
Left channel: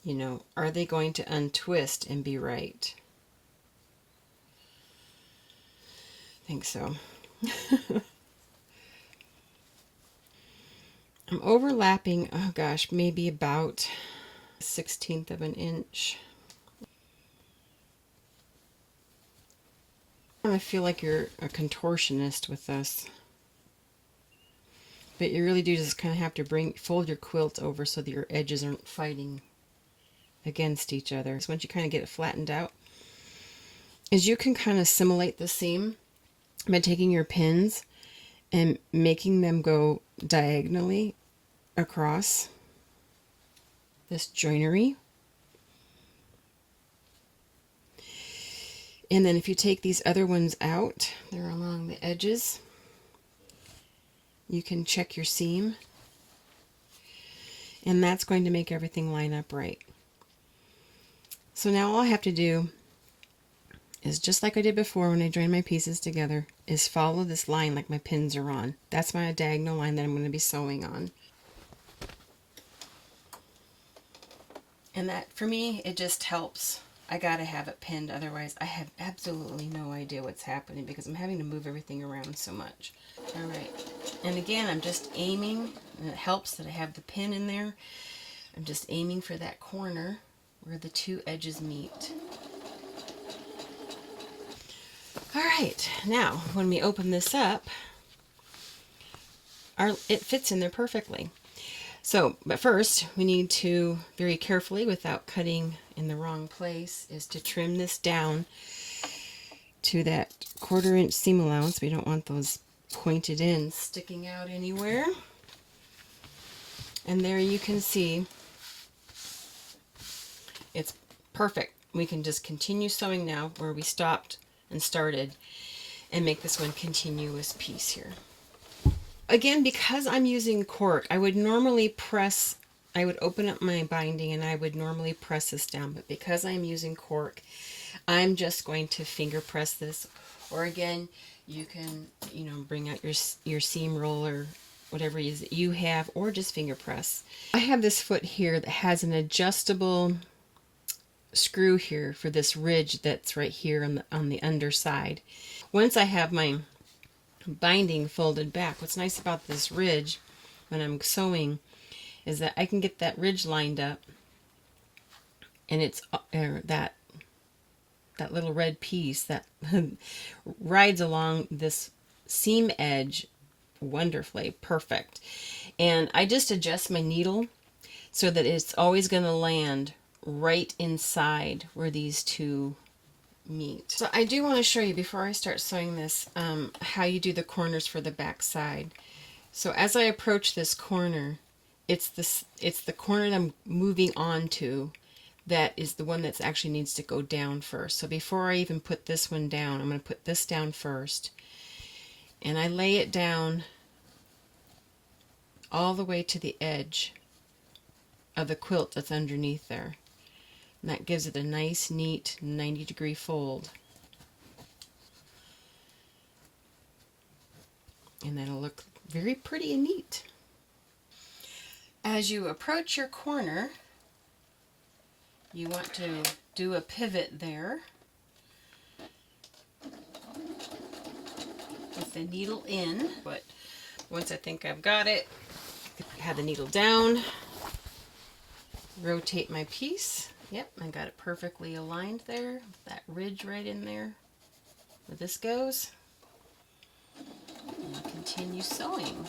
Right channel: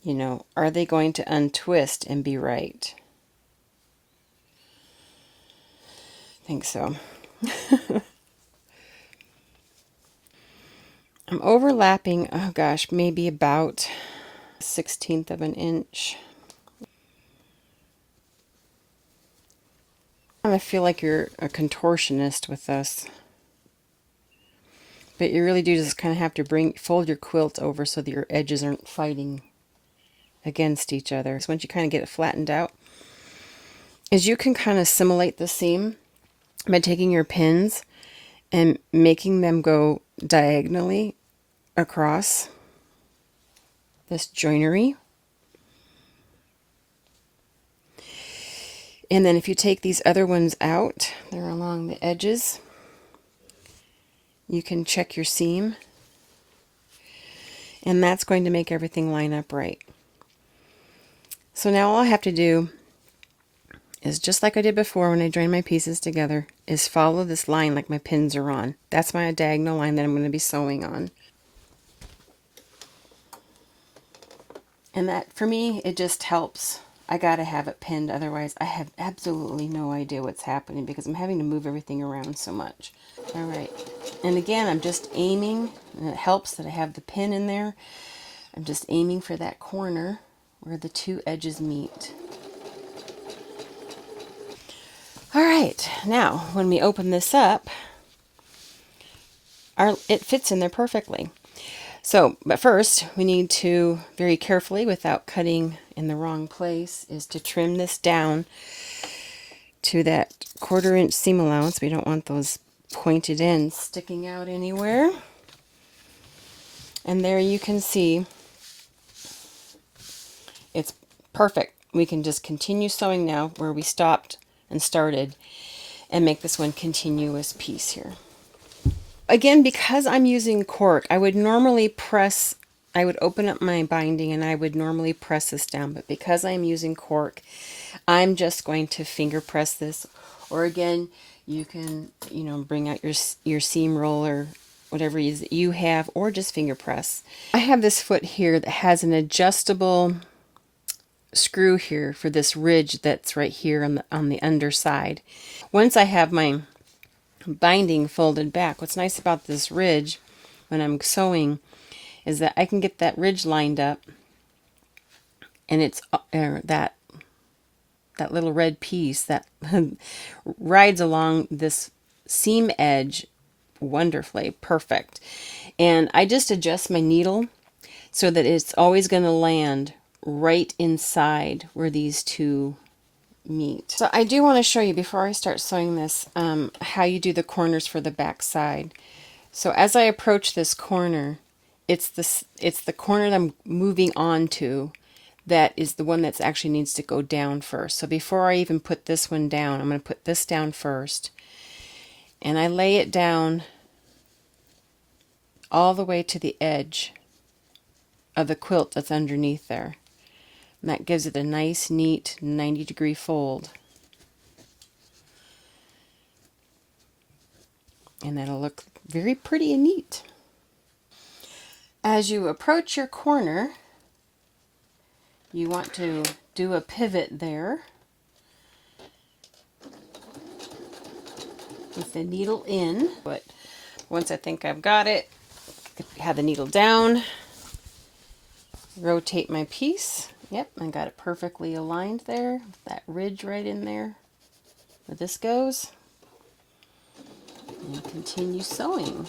you know, are they going to untwist and be right? I think so. I'm overlapping, oh gosh, maybe about 1/16 of an inch. I feel like you're a contortionist with this. But you really do just kind of have to fold your quilt over so that your edges aren't fighting against each other. So once you kind of get it flattened out, is you can kind of simulate the seam by taking your pins and making them go diagonally across this joinery. And then if you take these other ones out, they're along the edges, you can check your seam, and that's going to make everything line up right. So now all I have to do is, just like I did before when I joined my pieces together, is follow this line like my pins are on. That's my diagonal line that I'm going to be sewing on. And that, for me, it just helps. I gotta have it pinned, otherwise I have absolutely no idea what's happening because I'm having to move everything around so much. Alright, and again, I'm just aiming, and it helps that I have the pin in there. I'm just aiming for that corner where the two edges meet. Alright, now when we open this up, it fits in there perfectly. So, but first, we need to very carefully, without cutting in the wrong place, is to trim this down to that 1/4 inch seam allowance. We don't want those pointed ends sticking out anywhere. And there you can see it's perfect. We can just continue sewing now where we stopped and started and make this one continuous piece here. Again, because I'm using cork, I would normally press, I would open up my binding and I would normally press this down, but because I'm using cork, I'm just going to finger press this. Or again, you can, bring out your seam roller, whatever it is that you have, or just finger press. I have this foot here that has an adjustable screw here for this ridge that's right here on the underside. Once I have my binding folded back, what's nice about this ridge when I'm sewing is that I can get that ridge lined up, and it's that little red piece that rides along this seam edge wonderfully, perfect. And I just adjust my needle so that it's always going to land right inside where these two meet. So I do want to show you, before I start sewing this, how you do the corners for the back side. So as I approach this corner, it's the corner that I'm moving on to that is the one that actually needs to go down first. So before I even put this one down, I'm going to put this down first, and I lay it down all the way to the edge of the quilt that's underneath there. And that gives it a nice, neat 90-degree fold. And that'll look very pretty and neat. As you approach your corner, you want to do a pivot there with the needle in. But once I think I've got it, have the needle down, rotate my piece. Yep, I got it perfectly aligned there. That ridge right in there where this goes. And continue sewing.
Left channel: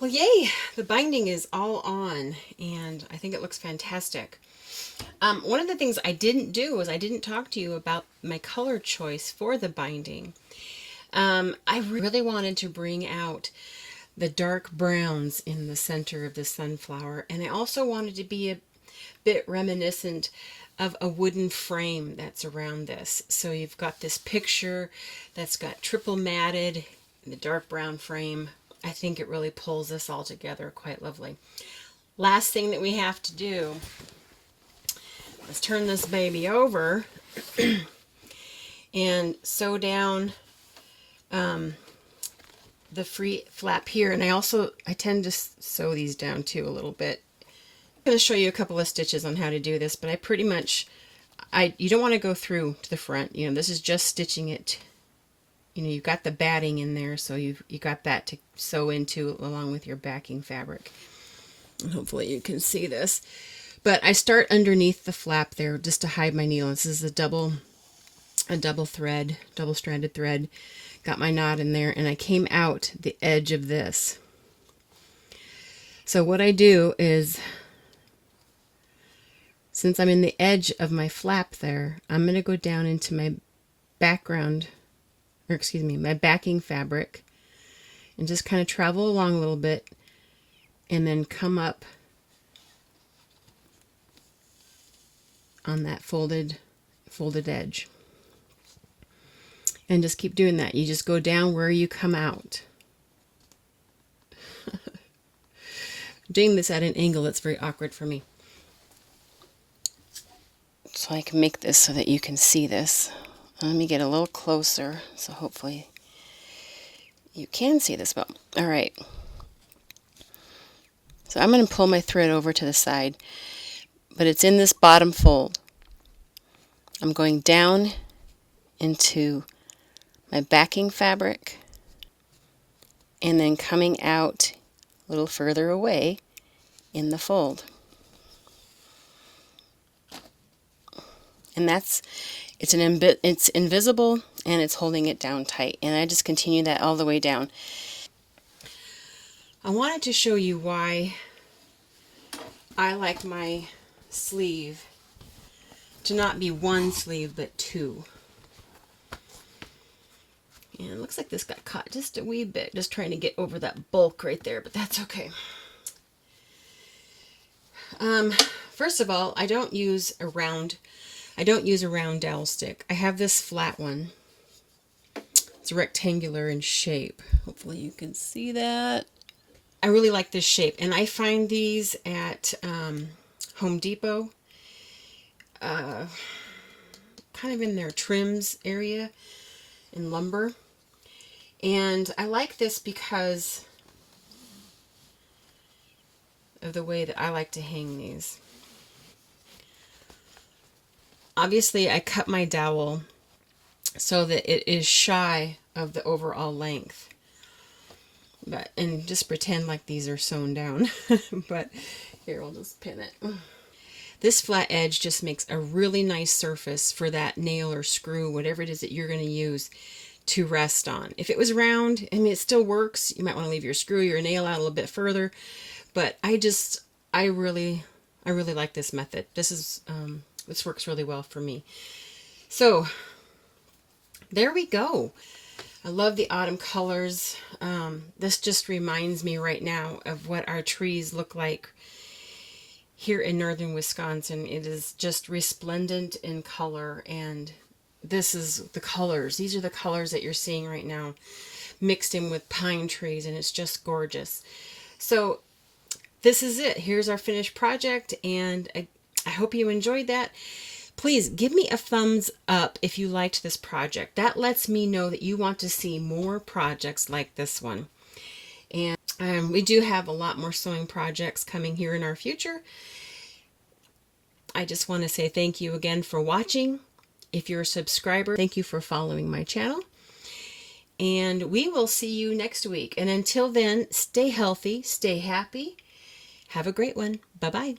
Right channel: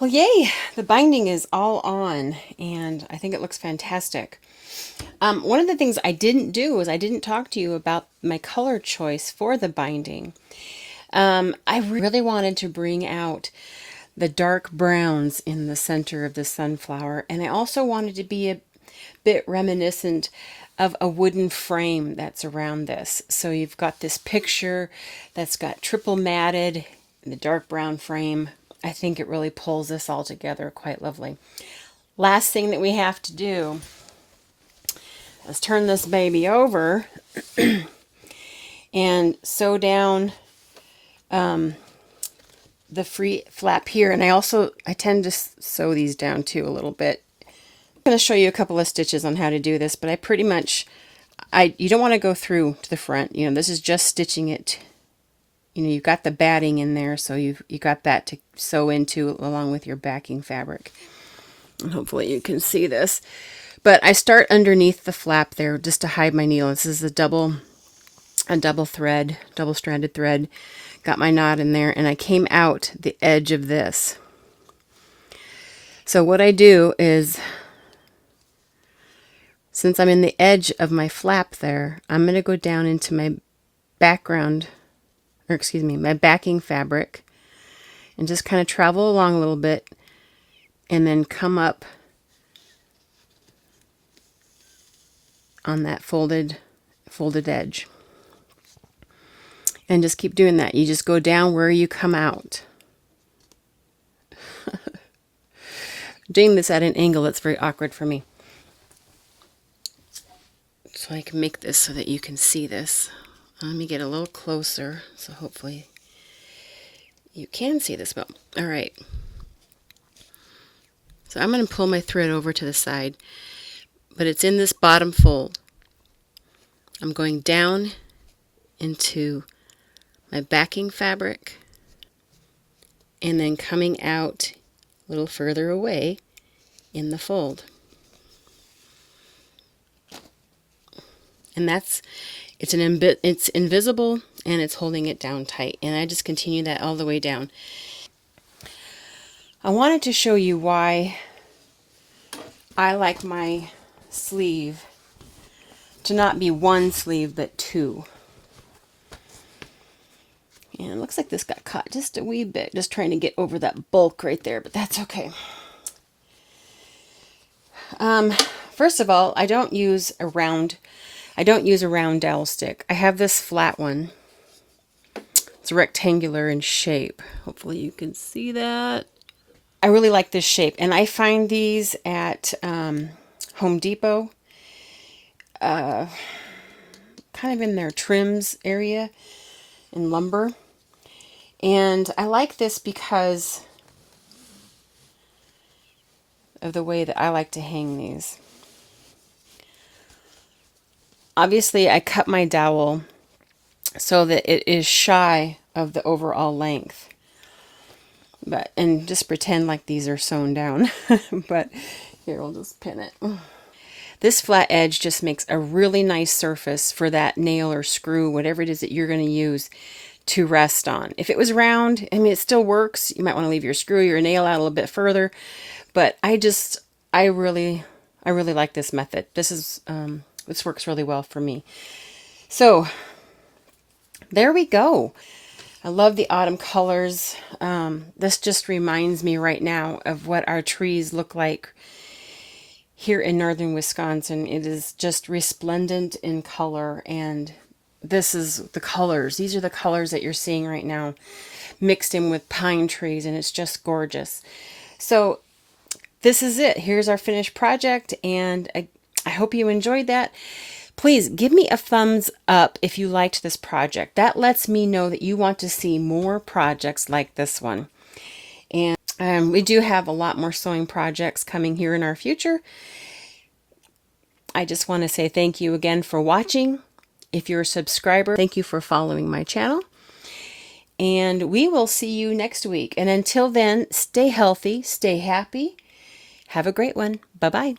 Well, yay! The binding is all on, and I think it looks fantastic. One of the things I didn't do was I didn't talk to you about my color choice for the binding. I really wanted to bring out the dark browns in the center of the sunflower, and I also wanted to be a bit reminiscent of a wooden frame that's around this. So you've got this picture that's got triple matted in the dark brown frame. I think it really pulls this all together quite lovely. Last thing that we have to do, let's turn this baby over and sew down the free flap here. And I tend to sew these down too a little bit. I'm going to show you a couple of stitches on how to do this, but I pretty much, you don't want to go through to the front. This is just stitching it. You've got the batting in there, so you got that to sew into along with your backing fabric. And hopefully you can see this. But I start underneath the flap there just to hide my needle. This is a double thread, double-stranded thread. Got my knot in there, and I came out the edge of this. So what I do is, since I'm in the edge of my flap there, I'm going to go down into my background, or excuse me, my backing fabric, and just kind of travel along a little bit and then come up on that folded edge. And just keep doing that. You just go down where you come out. Doing this at an angle, that's very awkward for me. So I can make this so that you can see this. Let me get a little closer, so hopefully you can see this well. All right. So I'm going to pull my thread over to the side, but it's in this bottom fold. I'm going down into my backing fabric and then coming out a little further away in the fold. And it's invisible and it's holding it down tight. And I just continue that all the way down. I wanted to show you why I like my sleeve to not be one sleeve but two. And it looks like this got caught just a wee bit, just trying to get over that bulk right there, but that's okay. First of all, I don't use a round dowel stick. I have this flat one. It's rectangular in shape. Hopefully you can see that. I really like this shape, and I find these at Home Depot, kind of in their trims area in lumber. And I like this because of the way that I like to hang these. Obviously, I cut my dowel so that it is shy of the overall length. And just pretend like these are sewn down. But here, we'll just pin it. This flat edge just makes a really nice surface for that nail or screw, whatever it is that you're going to use, to rest on. If it was round, I mean, it still works. You might want to leave your screw, your nail out a little bit further. But I really like this method. This works really well for me. So there we go. I love the autumn colors. This just reminds me right now of what our trees look like here in northern Wisconsin. It is just resplendent in color, and this is the colors. These are the colors that you're seeing right now, mixed in with pine trees, and it's just gorgeous. So this is it. Here's our finished project, and I hope you enjoyed that. Please give me a thumbs up if you liked this project. That lets me know that you want to see more projects like this one. And we do have a lot more sewing projects coming here in our future. I just want to say thank you again for watching. If you're a subscriber, thank you for following my channel. And we will see you next week. And until then, stay healthy, stay happy. Have a great one. Bye-bye.